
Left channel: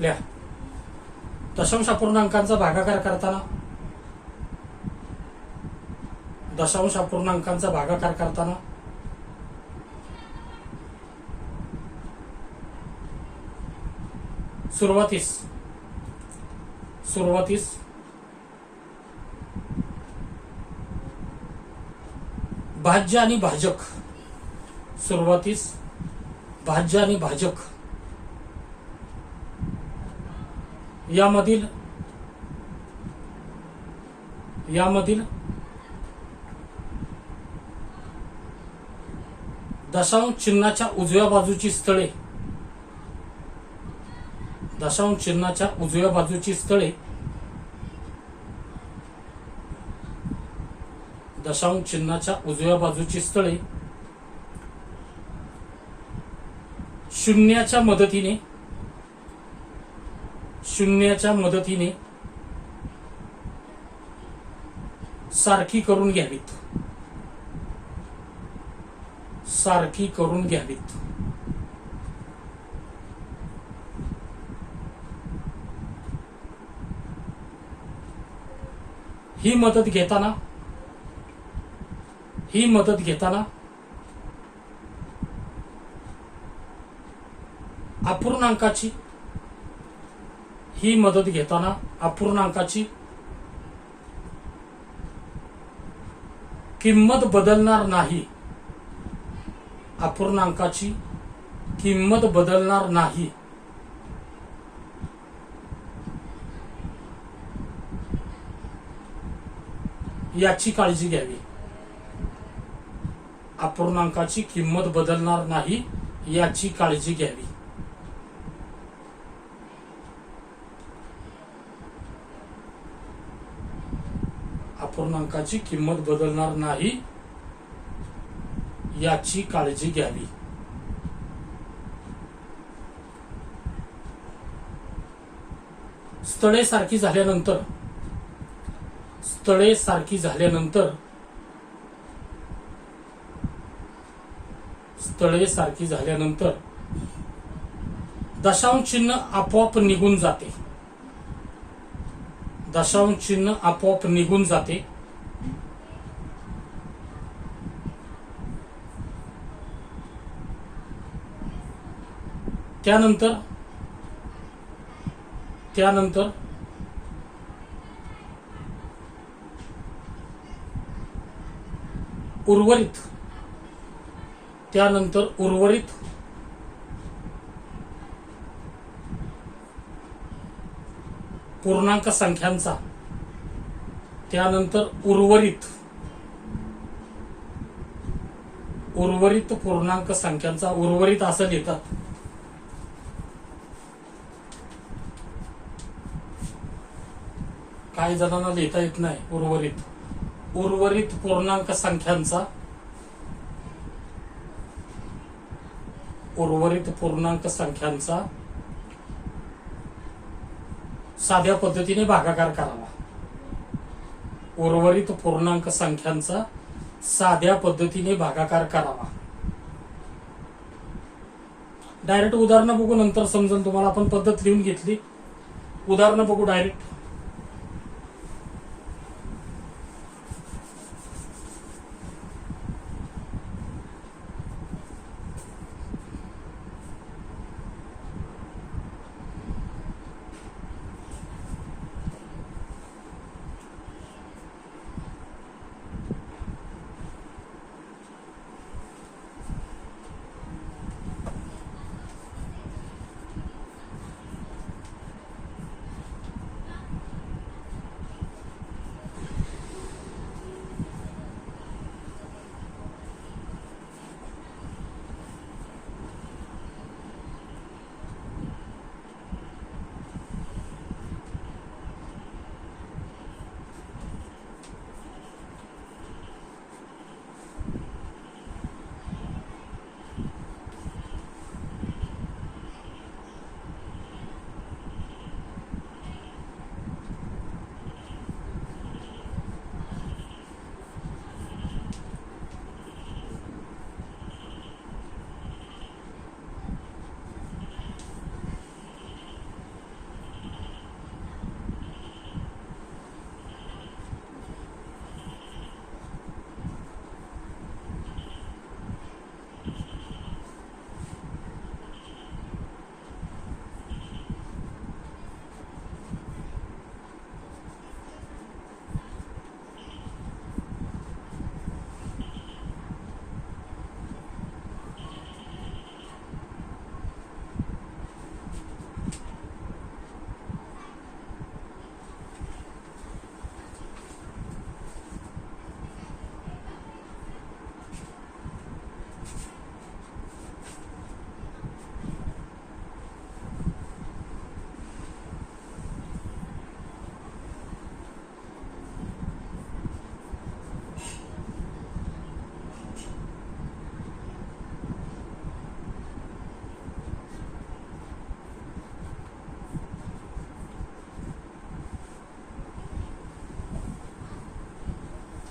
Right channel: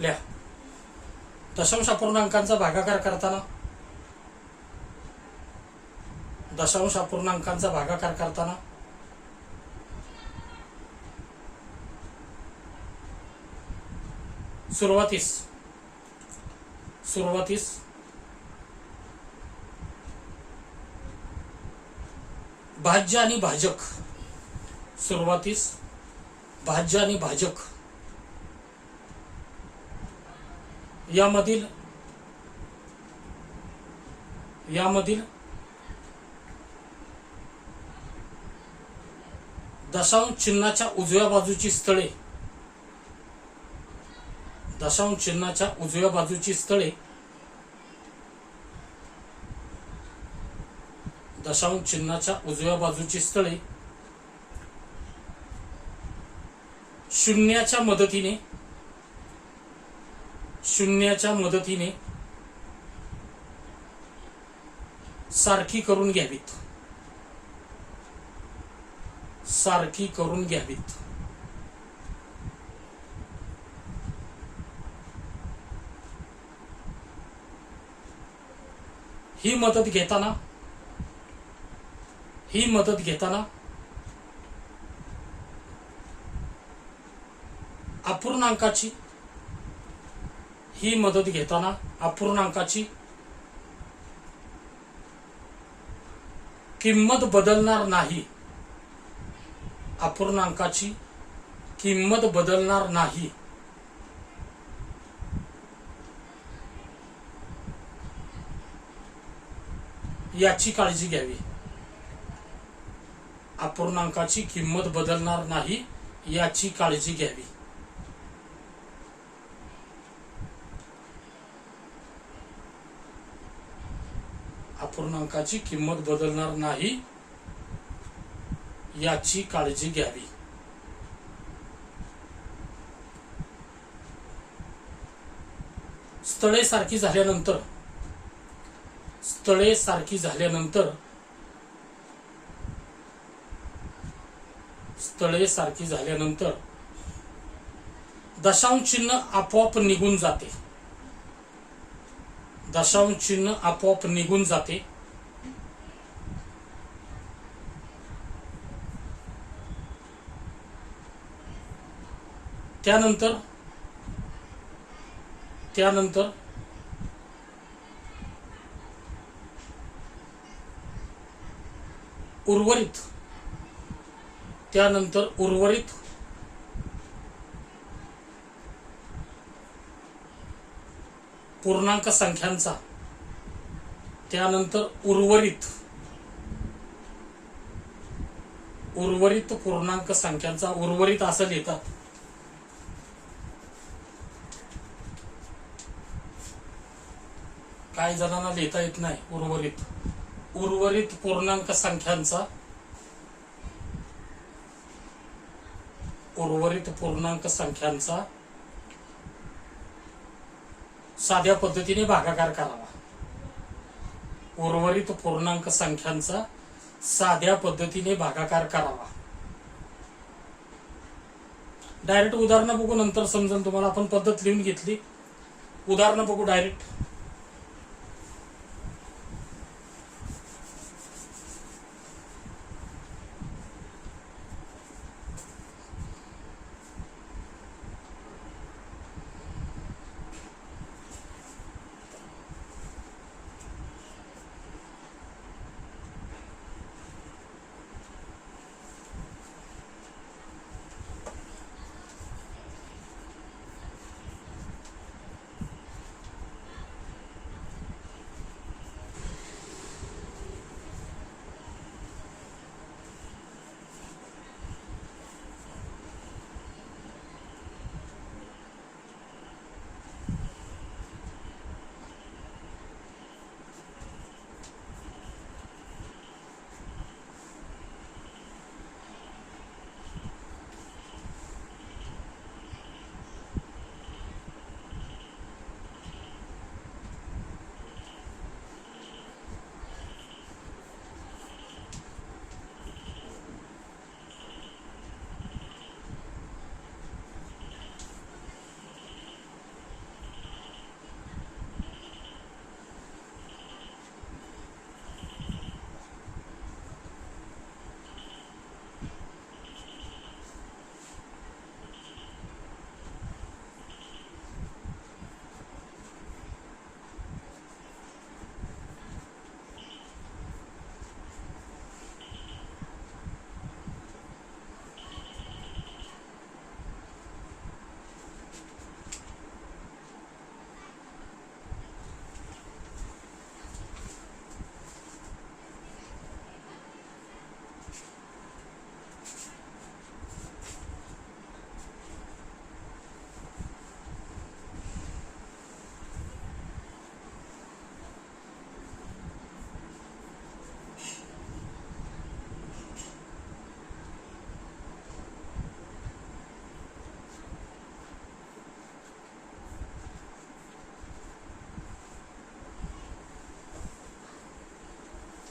लिहा. दशांश अपूर्णांकांचा भागाकार करताना, दशांश अपूर्णांकांचा भागाकार करताना सुरुवातीस भाज्य आणि भाजक, सुरुवातीस भाज्य आणि भाजक यामधील दशांश चिन्हाच्या उजव्या बाजूची स्थळे, दशांश चिन्हाच्या उजव्या बाजूची स्थळे, दशांश चिन्हाच्या उजव्या बाजूची स्थळे शून्याच्या मदतीने सारखी करून घ्यावीत. ही मदत घेताना अपूर्णांकाची किंमत बदलणार नाही. अपूर्णांकाची किंमत बदलणार नाही याची काळजी घ्यावी. अपूर्णांकाची किंमत बदलणार नाही याची काळजी घ्यावी. अपूर्णांकाची किंमत बदलणार नाही याची काळजी घ्यावी. स्थळे सारखी झाल्यानंतर दशांश चिन्ह आपोआप निघून जाते. त्यानंतर उर्वरित पूर्णांक संख्यांचा, उर्वरित पूर्णांक संख्यांचा, उर्वरित असं लिहितात. काही जणांना लिहिता येत नाही. उर्वरित पूर्णांक संख्यांचा साध्या पद्धतीने भागाकार करावा. उर्वरित पूर्णांक संख्यांचा साध्या पद्धतीने भागाकार करावा. डायरेक्ट उदाहरणं बघू, नंतर समजून तुम्हाला. आपण पद्धत लिहून घेतली, उदाहरणं बघू डायरेक्ट.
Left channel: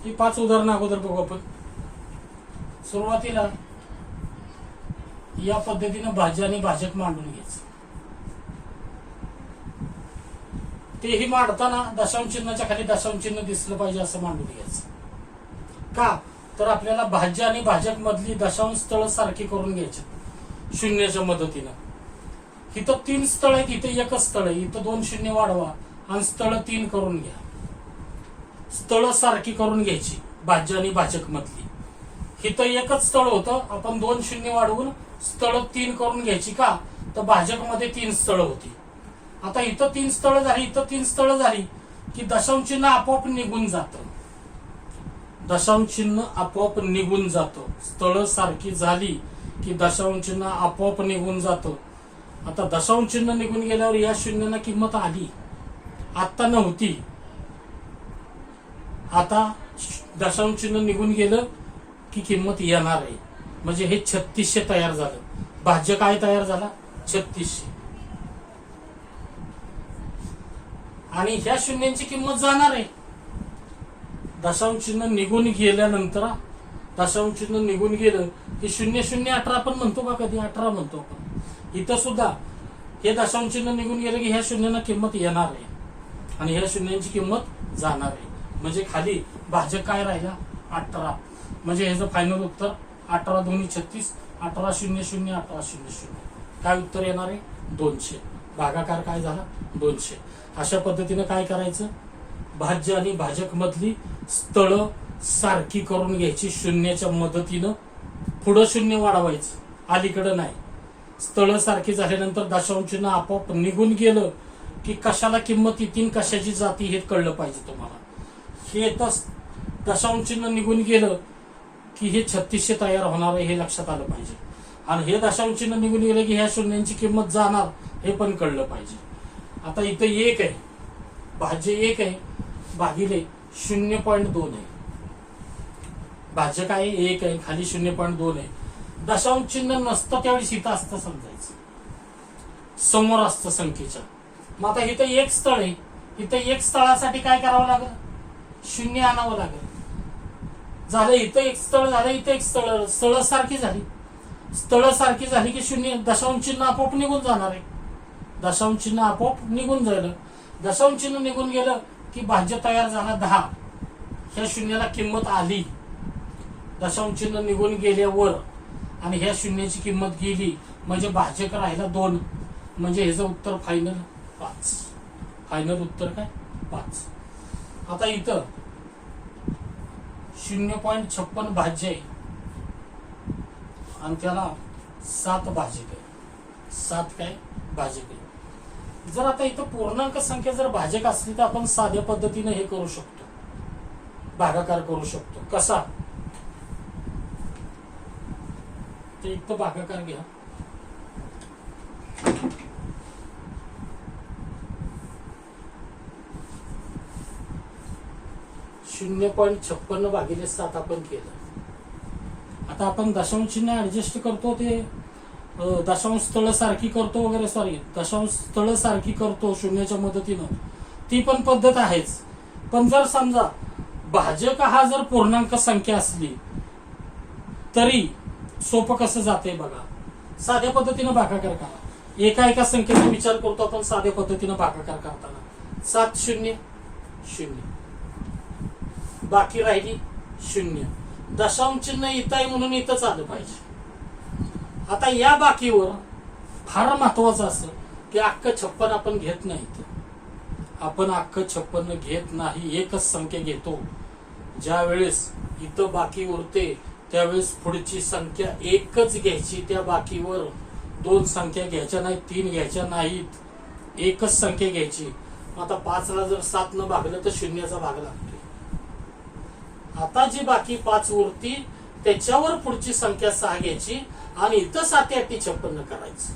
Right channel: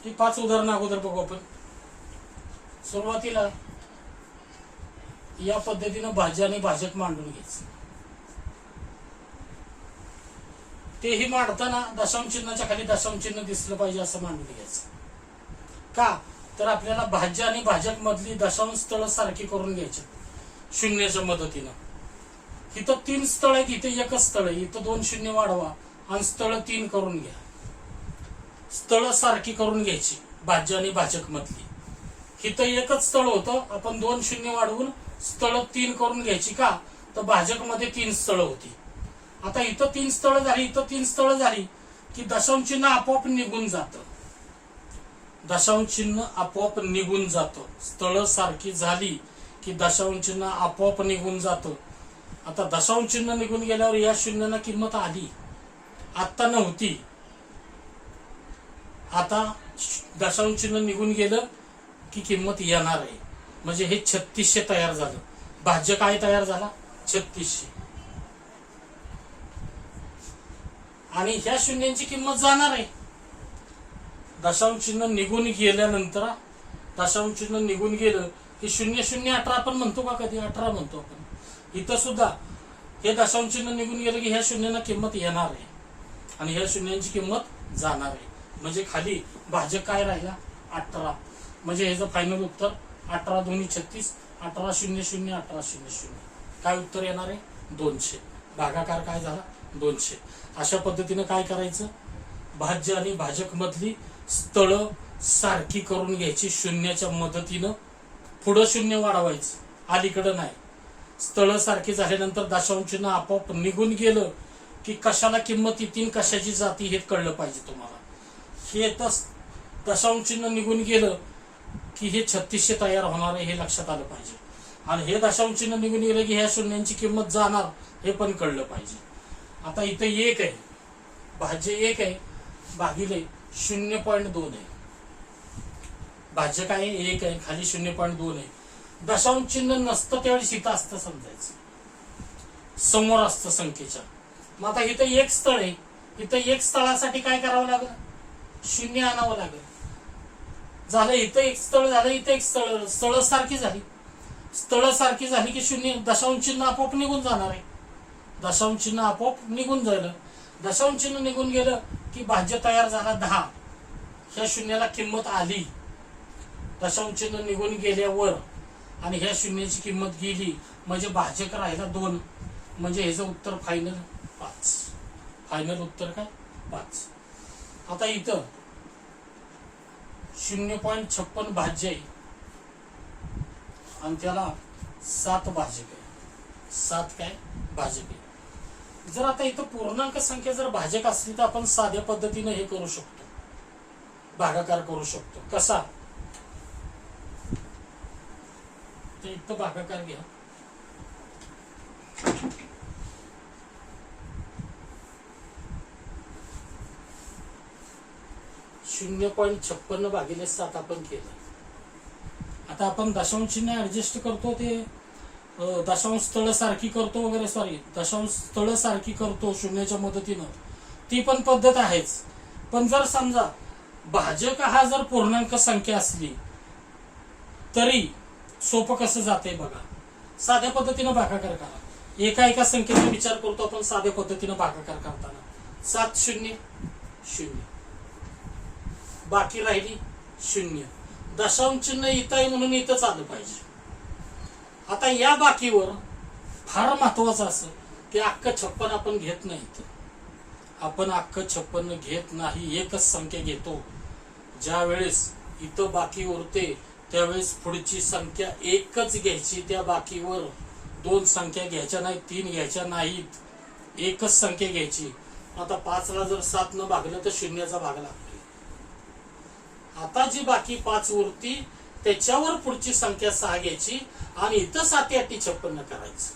ही 5 उदाहरणं अगोदर बघू आपण. सुरुवातीला या पद्धतीनं भाज्य आणि भाजक मांडून घ्यायचं. तेही मांडताना दशांश चिन्हाच्या खाली दशांश चिन्ह दिसलं पाहिजे असं मांडून घ्यायचं. का तर आपल्याला भाज्य आणि भाजक मधली दशांश स्थळ सारखी करून घ्यायची शून्याच्या मदतीनं. इथं 3 स्थळ आहेत, इथं एकच स्थळ आहे. इथं 2 शून्य वाढवा आणि स्थळ 3 करून घ्या. स्थळ सारखी करून घ्यायची भाज्य आणि भाजक मधली. इथं एकच स्थळ होतं, आपण 2 शून्य वाढवून स्थळ 3 करून घ्यायची. का तर भाजक मध्ये 3 स्थळ होती. आता इथं 3 स्थळ झाली, इथं 3 स्थळ झाली की दशांश चिन्ह आपोआप निघून जातं. दशांश चिन्ह आपोआप निघून जातं. स्थळ सारखी झाली की दशांश चिन्ह आपोआप निघून जातं. आता दशांश चिन्ह निघून गेल्यावर या शून्यांना किंमत आली, आता नव्हती. आता दशांश चिन्ह निघून गेलं की किंमत येणार आहे. म्हणजे हे 3600 तयार झालं. भाज्य काय तयार झाला? 3600. आणि ह्या शून्यांची किंमत जाणार आहे. दशांश चिन्ह निघून गेल्यानंतर दशांश चिन्ह निघून गेलं की 0018 आपण म्हणतो का? कधी 18 म्हणतो आपण. इथं सुद्धा हे दशांश चिन्ह निघून गेलं की ह्या शून्यांना किंमत येणार आहे आणि ह्या शून्यांची किंमत जाणार आहे. म्हणजे खाली भाजक काय राहिला? 18. म्हणजे ह्याचं फायनल उत्तर 18 दोन्ही 36, 1800, 1800. काय उत्तर येणार आहे? 200. भागाकार काय झाला? 200. अशा पद्धतीने काय करायचं? भाज्य आणि भाजक मधली स्थळ सारखी करून घ्यायची शून्याच्या मदतीनं. पुढं शून्य वाढवायचं, अलीकडं नाही. स्थळ सारखी झाल्यानंतर दशांश चिन्ह आपोआप निघून गेलं की कशाला किंमत येतील, कशाची जाती हे कळलं पाहिजे तुम्हाला. हे तर दशांश चिन्ह निघून गेलं की हे 3600 तयार होणार आहे हे लक्षात आलं पाहिजे. आणि हे दशांश चिन्ह निघून गेलं की ह्या शून्यांची किंमत जाणार हे पण कळलं पाहिजे. आता इथं 1 आहे, भाज्य 1 आहे भागिले 0.2 आहे. भाज्य काय आहे? 1 आहे, खाली 0.2 आहे. दशांश चिन्ह नसतं त्यावेळेस इथं असतं समजायचं, समोर असतं संख्येच्या. मग आता इथं 1 स्थळ आहे, इथं 1 स्थळासाठी काय करावं लागेल? 0 आणावं लागेल. झालं, इथं 1 स्थळ झालं, इथं 1 स्थळ. स्थळ सारखी झाली. स्थळ सारखी झाली की 0 दशांश चिन्ह आपोआप निघून जाणार आहे. दशांश चिन्ह आपोआप निघून जाईल. दशांश चिन्ह निघून गेलं की भाज्य तयार झाला 10. ह्या शून्याला किंमत आली. दशांश चिन्ह निघून गेल्यावर आणि ह्या शून्याची किंमत गेली म्हणजे भाजक राहिला 2. म्हणजे ह्याचं उत्तर फायनल 5. फायनल उत्तर काय? 5. आता इथं 0.56 भाज्य आहे आणि त्याला 7 भाजक आहे. 7 काय? भाजक आहे. जर आता इथं पूर्णांक संख्या जर भाजक असली तर आपण साध्या पद्धतीने हे करू शकतो, भागाकार करू शकतो. कसा? तर इथं भागाकार घ्या. (0.56) आपण केलं. आता आपण दशांश चिन्ह ऍडजस्ट करतो, ते दशांश स्थळ सारखी करतो वगैरे. सॉरी, दशांश स्थळ सारखी करतो शून्याच्या मदतीनं. ती पण पद्धत आहेच. पण जर समजा भाजक हा जर पूर्णांक संख्या असली तरी सोपं कसं जाते बघा. साध्या पद्धतीनं भागाकार करा. एका संख्येचा विचार करतो आपण साध्या पद्धतीनं भागाकार करताना. 7 0 0, बाकी राहिली 0. दशांश चिन्ह इथं आहे म्हणून इथंच आलं पाहिजे. आता या बाकीवर फार महत्वाचं असं की अख्खं 56 आपण घेत नाही. आपण अख्खं 56 घेत नाही, एकच संख्या घेतो. ज्या वेळेस इथं बाकी उरते त्यावेळेस पुढची संख्या एकच घ्यायची. त्या बाकीवर 2 संख्या घ्यायच्या नाहीत, 3 घ्यायच्या नाहीत, एकच संख्या घ्यायची. आता 5ला जर 7 न भागलं तर 0चा भाग लागतो. आता जी बाकी 5 उरती त्याच्यावर पुढची संख्या 6 घ्यायची आणि इथं 7 8 56 करायचं.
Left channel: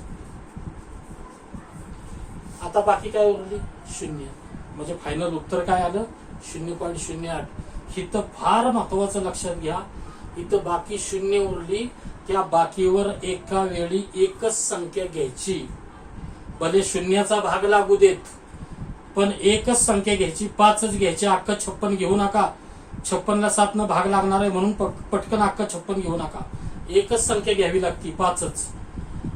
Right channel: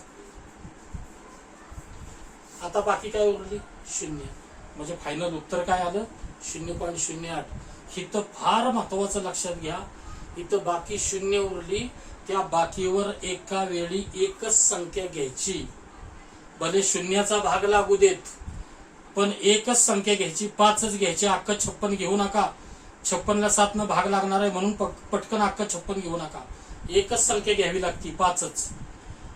आता बाकी काय उरली? 0. म्हणजे फायनल उत्तर काय आलं? 0.08. इथं फार महत्वाचं लक्षात घ्या. इथं बाकी 0 उरली, त्या बाकीवर एका वेळी एकच संख्या घ्यायची. भले 0चा भाग लागू देत पण एकच संख्या घ्यायची, 5च घ्यायची. अख्खं 56 घेऊ नका. 56ला 7 न भाग लागणार आहे म्हणून पटकन अख्खा 56 घेऊ नका. एकच संख्या घ्यावी लागती, 5च.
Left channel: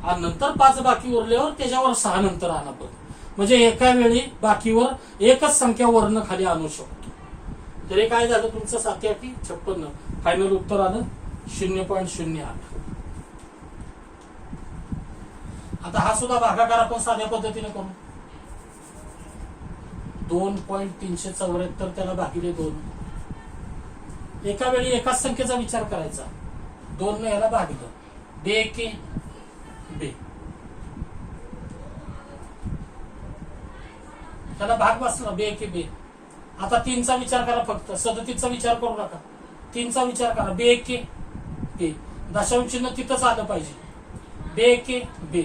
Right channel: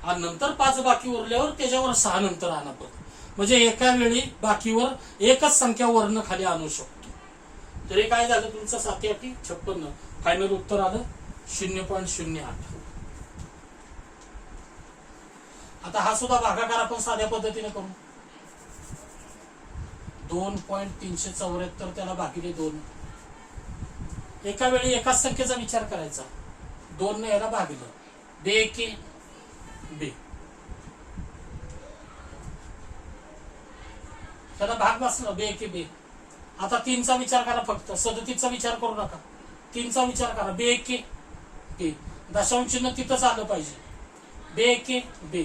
आणि नंतर 5 बाकी उरल्यावर त्याच्यावर 6 नंतर आणा परत. म्हणजे एका वेळी बाकीवर एकच संख्या वरनं खाली आणू शकतो. तरी काय झालं तुमचं 7 56. फायनल उत्तर आलं 0.08. आता हा सुद्धा भागाकार आपण साध्या पद्धतीने करू. 2.374 त्याला भागिले 2. एका वेळी एकाच संख्येचा विचार करायचा. 2 ने याला भागलं, बे के बे, त्याला भाग बसला, बे के बे. आता 3चा विचार करा, फक्त 37चा विचार करू नका. 3चा विचार करा, बे के बे. दशांश चिन्ह तिथंच आलं पाहिजे, बे के बे.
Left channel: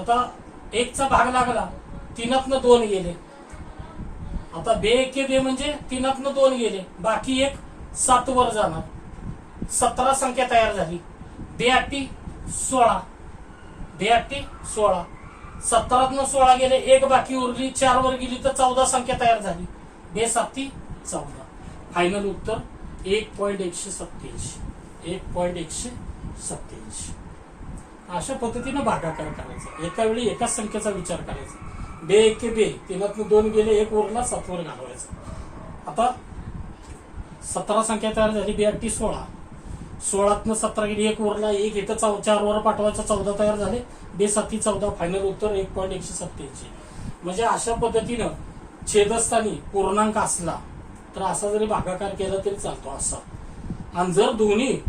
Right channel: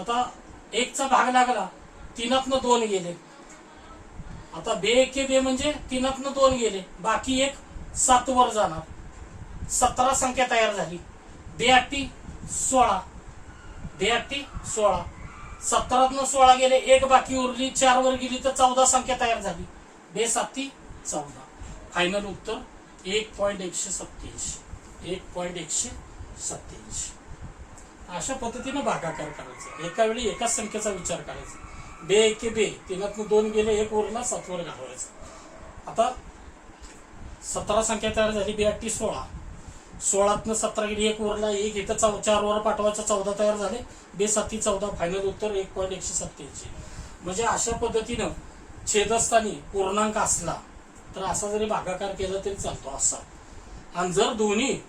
आता 1चा भाग लागला, 3तनं 2 गेले. आता बे के बे म्हणजे 3तनं 2 गेले, बाकी एक 7 वर जाणार. 17 संख्या तयार झाली. बे 8 16, बे 8 16. 17तनं 16 गेले, एक बाकी उरली, 4 वर गेली तर 14 संख्या तयार झाली. बे 7 14. फायनल उत्तर 1.187. 1.187. अशा पद्धतीनं भागाकार करायचा. एका वेळी एकाच संख्येचा विचार करायचा. बे के बे, 3तनं 2 गेले, एक उरला, 7 वर घालवायचा. आता 17 संख्या तयार झाली. बे 8 16. 16तनं 17 गेली, एक उरला, एक इथं 4 वर पाठवायचा, 14 तयार झाले. बे 7 14. फायनल उत्तर 1.187. म्हणजे अशा पद्धतीनं छेदस्थानी पूर्णांक असला तर असा जरी भागाकार केला तरी चालतो असा. आणि जर दोन्ही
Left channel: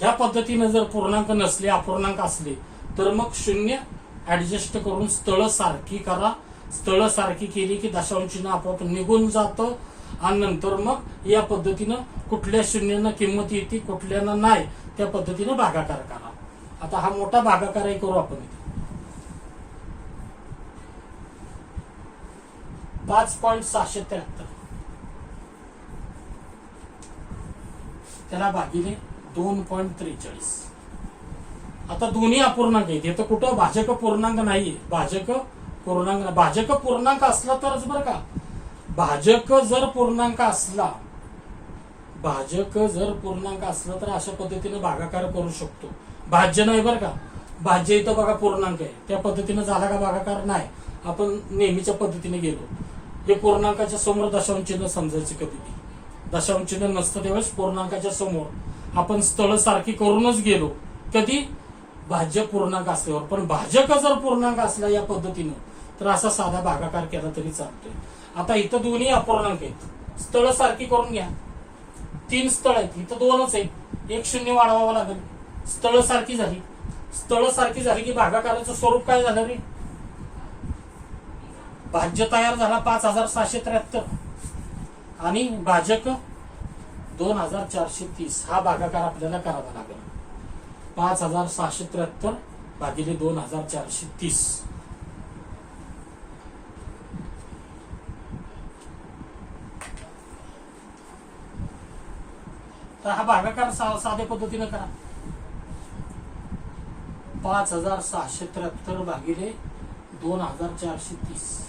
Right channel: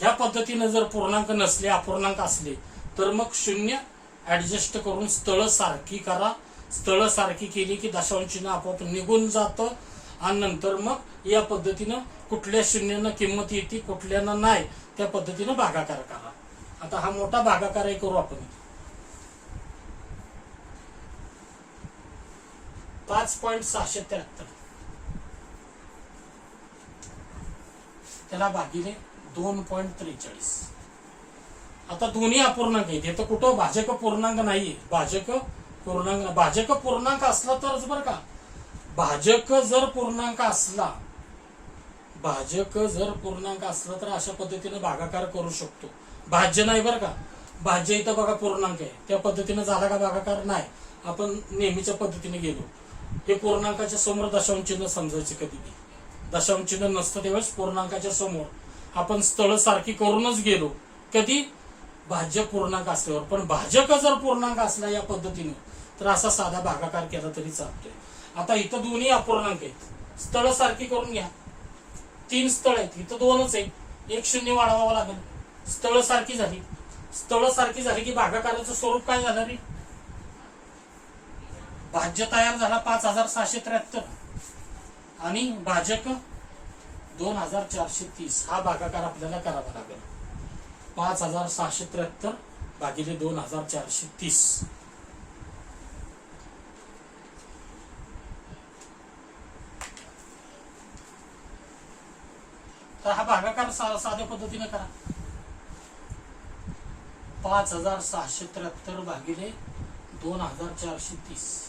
ह्या पद्धतीनं जर पूर्णांक नसले, अपूर्णांक असले, तर मग 0 ऍडजस्ट करून स्थळ सारखी करा. स्थळ सारखी केली की दशांश चिन्ह आपोआप निघून जातं. आणि नंतर मग या पद्धतीनं कुठल्या शून्यांना किंमत येते, कुठल्याना नाही, त्या पद्धतीनं भागाकार करा. आता हा मोठा भागाकारही करू आपण. 5.673 त्याला भागिले 2.43. आता दोन्ही अपूर्णांक आहेत. हे तर कुठं भाजक पूर्णांक नाहीये. भाजक पूर्णांक असला तरच बरं का. भाजक जर पूर्णांक असला तर अशा पद्धतीने भागाकार करू शकतो. भाज्य नाही बरं का. भाज्य इथं बघा पूर्णांक आहे, त्या पद्धतीने झाला का भागाकार? नाही. आपण नेहमीच्या पद्धतीने गेलो. हे पूर्णांकाच्या समोर दशांश चिन्ह समजायचे. कधी दशांश चिन्ह नसतं त्यावेळेस पूर्णांकाच्या समोर आपण स्थळ सारखी करूनच गेलो. कधी? भाज्य पूर्णांक असल्यावर. पण भाजक जर पूर्णांक असला या पद्धतीने तर असा साधा भागाकार केला तरी चालतोय. आता इथं दोन्ही अपूर्णांक आहेत, स्थळ सारखी करून घ्या. 3 स्थळ आहेत, इथं 2च आहेत, एक 0 वाढवावं लागेल. स्थळ सारखी झाली. स्थळ सारखी झाली की भागाकाराचं स्वरूप काय झालं रे? भाज्य तयार झाला 5673 आणि भाजक 2430. हा भागाकार आपल्याला करावा लागेल. 5673 भागिले 2430. तर हा भागाकार साध्या पद्धतीने करा. 5673 भागिले 2430.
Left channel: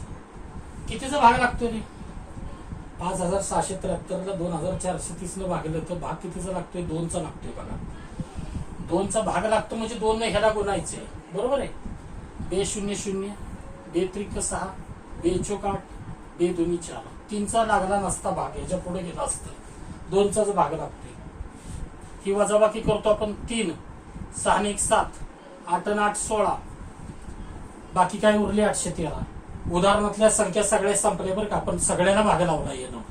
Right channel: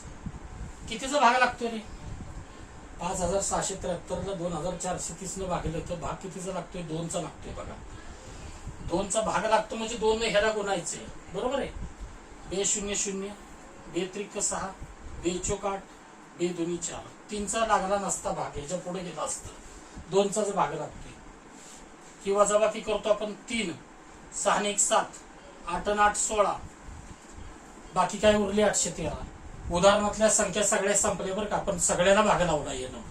कितीचा भाग लागतोय रे? 5673 ला 2430 न भागलं तर भाग कितीचा लागतोय? 2चा लागतोय. बघा 2चा भाग लागतो म्हणजे 2 ने ह्याला गुणायचे. बरोबर आहे. बे 0 0, बे 3 6, बे 4 8, बे 2 4. 3चा लागला नसता भाग, ह्याच्या पुढे गेला असतं. 2चाच भाग लागतोय. किंवा वजाबाकी करतो आपण. 3 6 1 7, 8 8 16, बाकी काय उरले 813. उदाहरणातल्या संख्या सगळ्या संपल्या बरं का. आपण सगळ्याला भाग लावला येणं,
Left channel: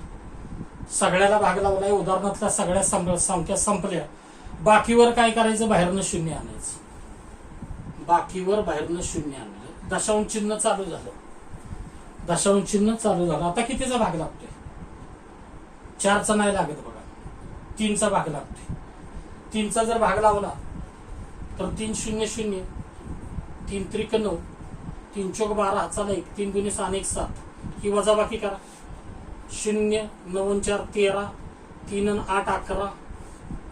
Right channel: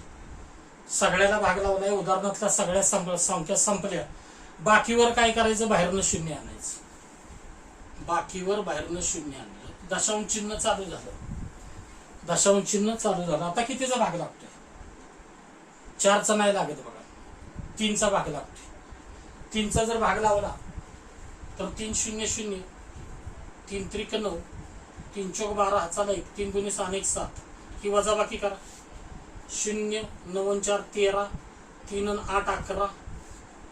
सगळ्याला भाग लावलाय. उदाहरणातल्या सगळ्या संख्या संपल्या. बाकीवर काय करायचं? बाहेरनं 0 आणायचं. बाकीवर बाहेरनं 0 आणलं. दशांश चिन्ह चालू झालं. दशांश चिन्ह चालू झालं. आता कितीचा भाग लागतोय? 4चा नाही लागत बघा, 3चा भाग लागतोय. 3चा जर भाग लावला तर 3 0 0, 3 3 9, 3 4 12, हाचा नाही, 3 2 6 1 7. ही वजाबाकी करा. 0 9 4 13, 3 8 11,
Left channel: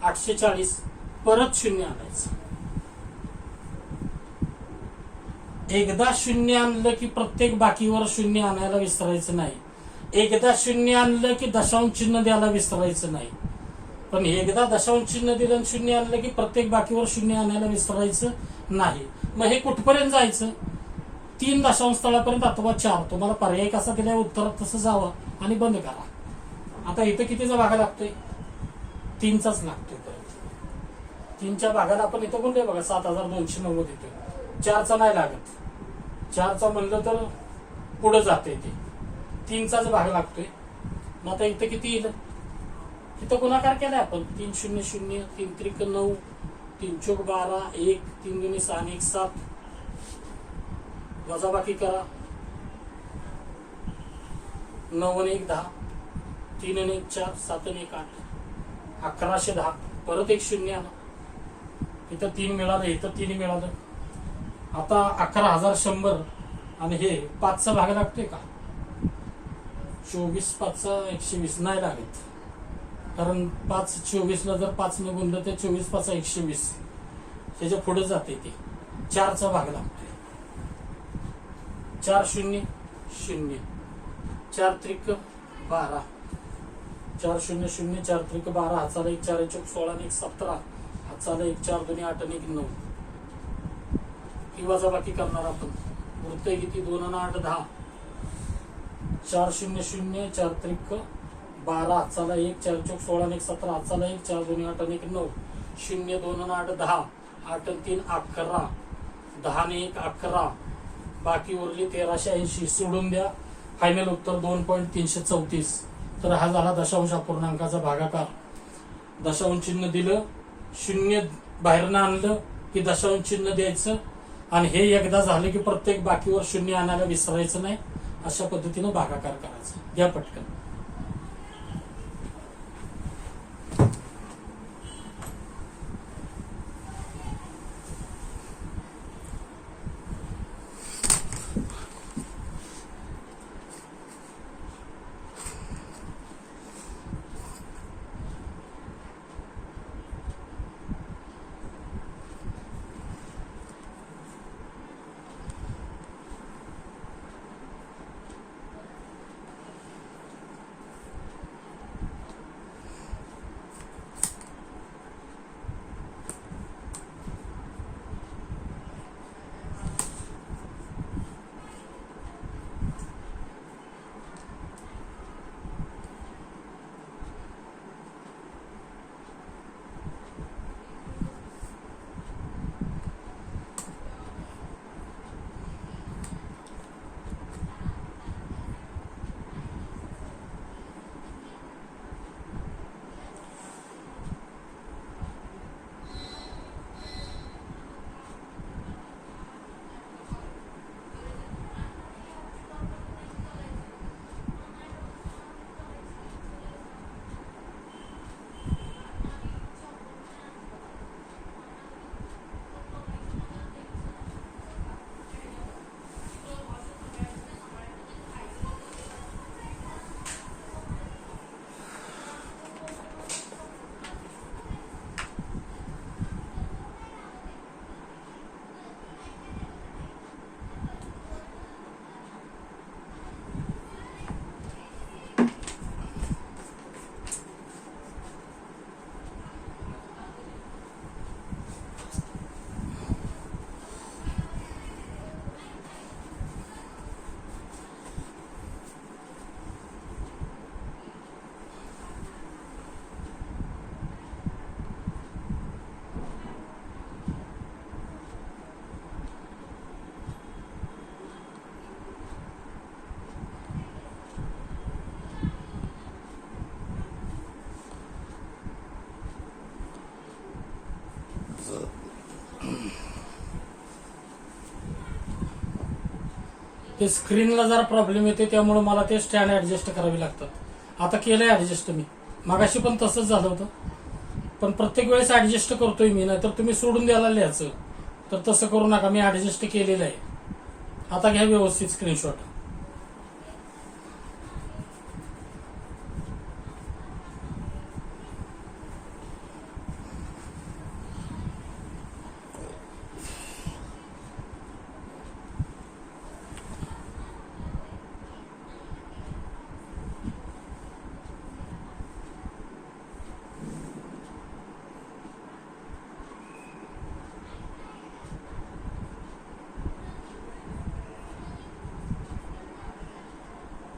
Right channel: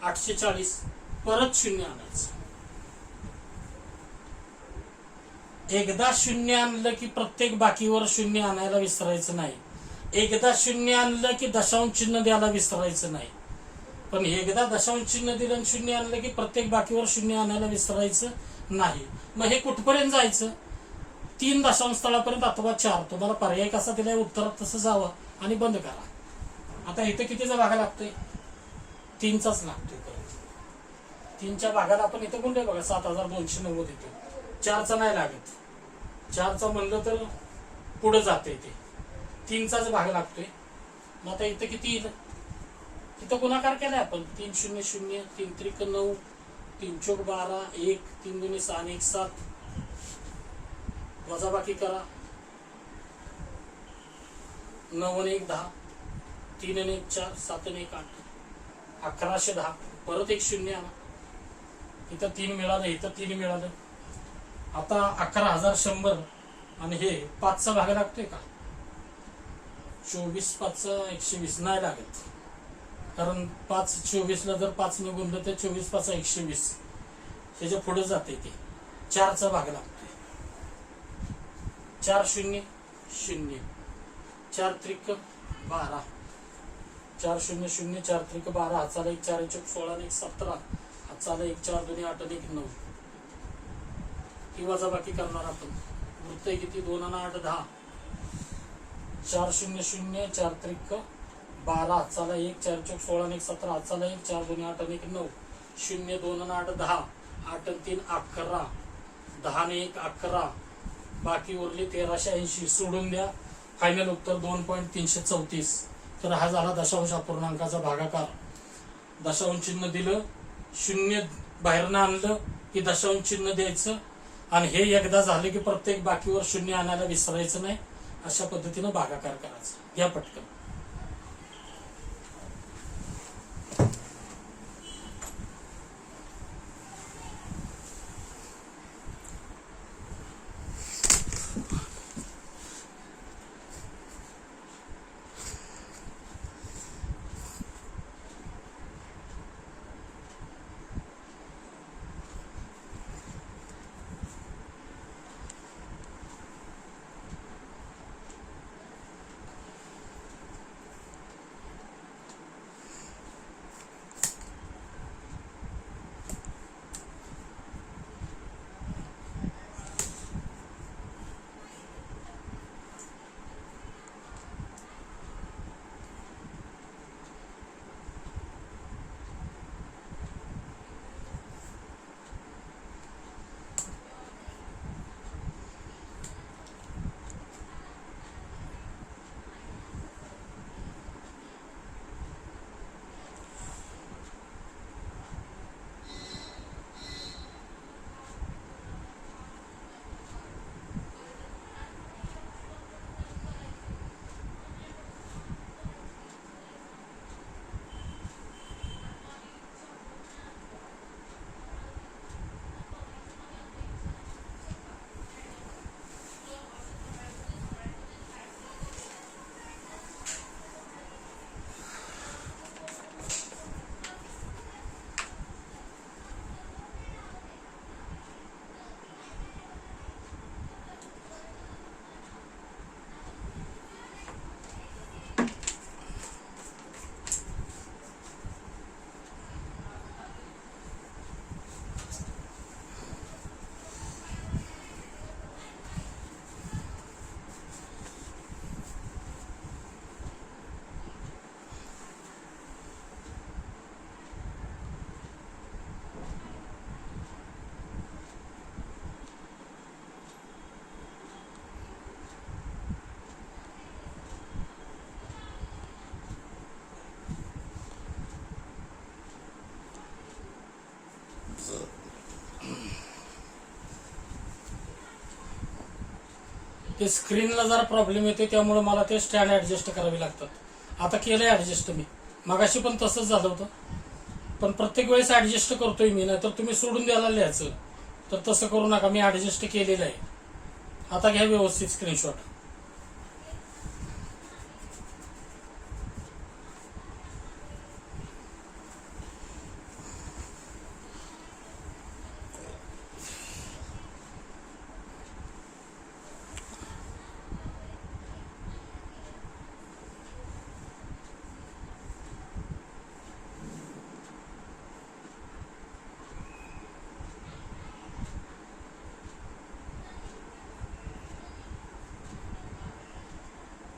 840. परत 0 आणायचं. एकदा 0 आणलं की प्रत्येक बाकीवर 0 आणायला विसरायचं नाही. एकदा शून्य आणलं की दशांश चिन्ह द्यायला विसरायचं नाही. पण एकदा दशांश चिन्ह दिलं आणि शून्य आणलं की प्रत्येक बाकीवर शून्य आणायला विसरायचं नाही. मग हे कुठपर्यंत जायचं? 3 दशांश स्थळापर्यंत अथवा 4. तुम्हाला पर्याय कसा दिलाय उत्तरात तसं जावं आणि बंद करा. आता इथं कितीचा भागा लागतोय? 3चाच लागतोय. परत 3च्या भागाला आपण इथं गुणले बघा 7290 येतो. 4चा नाही लागत. 4चा म्हणलं तर पुढे जाते ते. 3चाच भाग लागतोय. मग आता इथं किती येईल? इथं गुणाकार केलाय आपण. 3 0 0 3 त्रिक 9 3 चौक 12 1 3 2 6 1 7. वजाबाकी करा. 9 आणि 1 10 3 आणि 1 4 7 आणि 1 8 1110. परत एक शून्य आणा. इथं 3 मिळालं, इथं 3 मिळालं. आता 11100 आणि हे 5चा भाग लागतोय का? 24 5 120 नाही लागत. कारण 5 24ला जर 5 ने गुणलं तर 24 5 120 त्याच्या पुढे जाते ते. 4चा भाग लागतोय. 4 0 0 4 त्रिक 12 4 0 0 4 त्रिक 12 हाताला 1 4 1 16 1 17 हाताला 1 4 2 8 1 9. ही वजाबाकी करणार आपण. वृत्त किती? 2 आणि 8 10. 4 0 0 4 त्रिक 12 हाताला 1 4 1 16 1 17 हाताला 1 4 2 8 1 9 0 2 आणि 8 10 8 आणि 3 11 10 आणि 1 11. बाकी उरली 1380. सोडून द्या. फायनल उत्तर 2.334. तर हा झाला दशांश अपूर्णांकाचा भागाकार. दशांश चिन्ह दिलं, शून्य बाहेरनं आणलं की दशांश चिन्ह द्यायचं आणि हे एकदा झालं की प्रत्येक बाकीवर शून्य आणायला विसरायचं नाही. अशा पद्धतीनं भागाकार करायचा. घ्या पटकन. ते स्क्रीनला जरा प्रॉब्लेम येते त्यामुळे मला ते स्टँड ऍडजस्ट करावे लागतात. आता केलंय ऍडजस्ट मी. मगाशी पण तसंच झालं होतं. पण प्रत्येक वेळेस ऍडजस्ट करतोय मी. नाही तर तुम्ही सोडून द्यायला लिहायचं. तर तसं करू नका. मी ऍडजस्ट केलेलं आहे. आता घ्या व्यवस्थित स्क्रीनशॉट.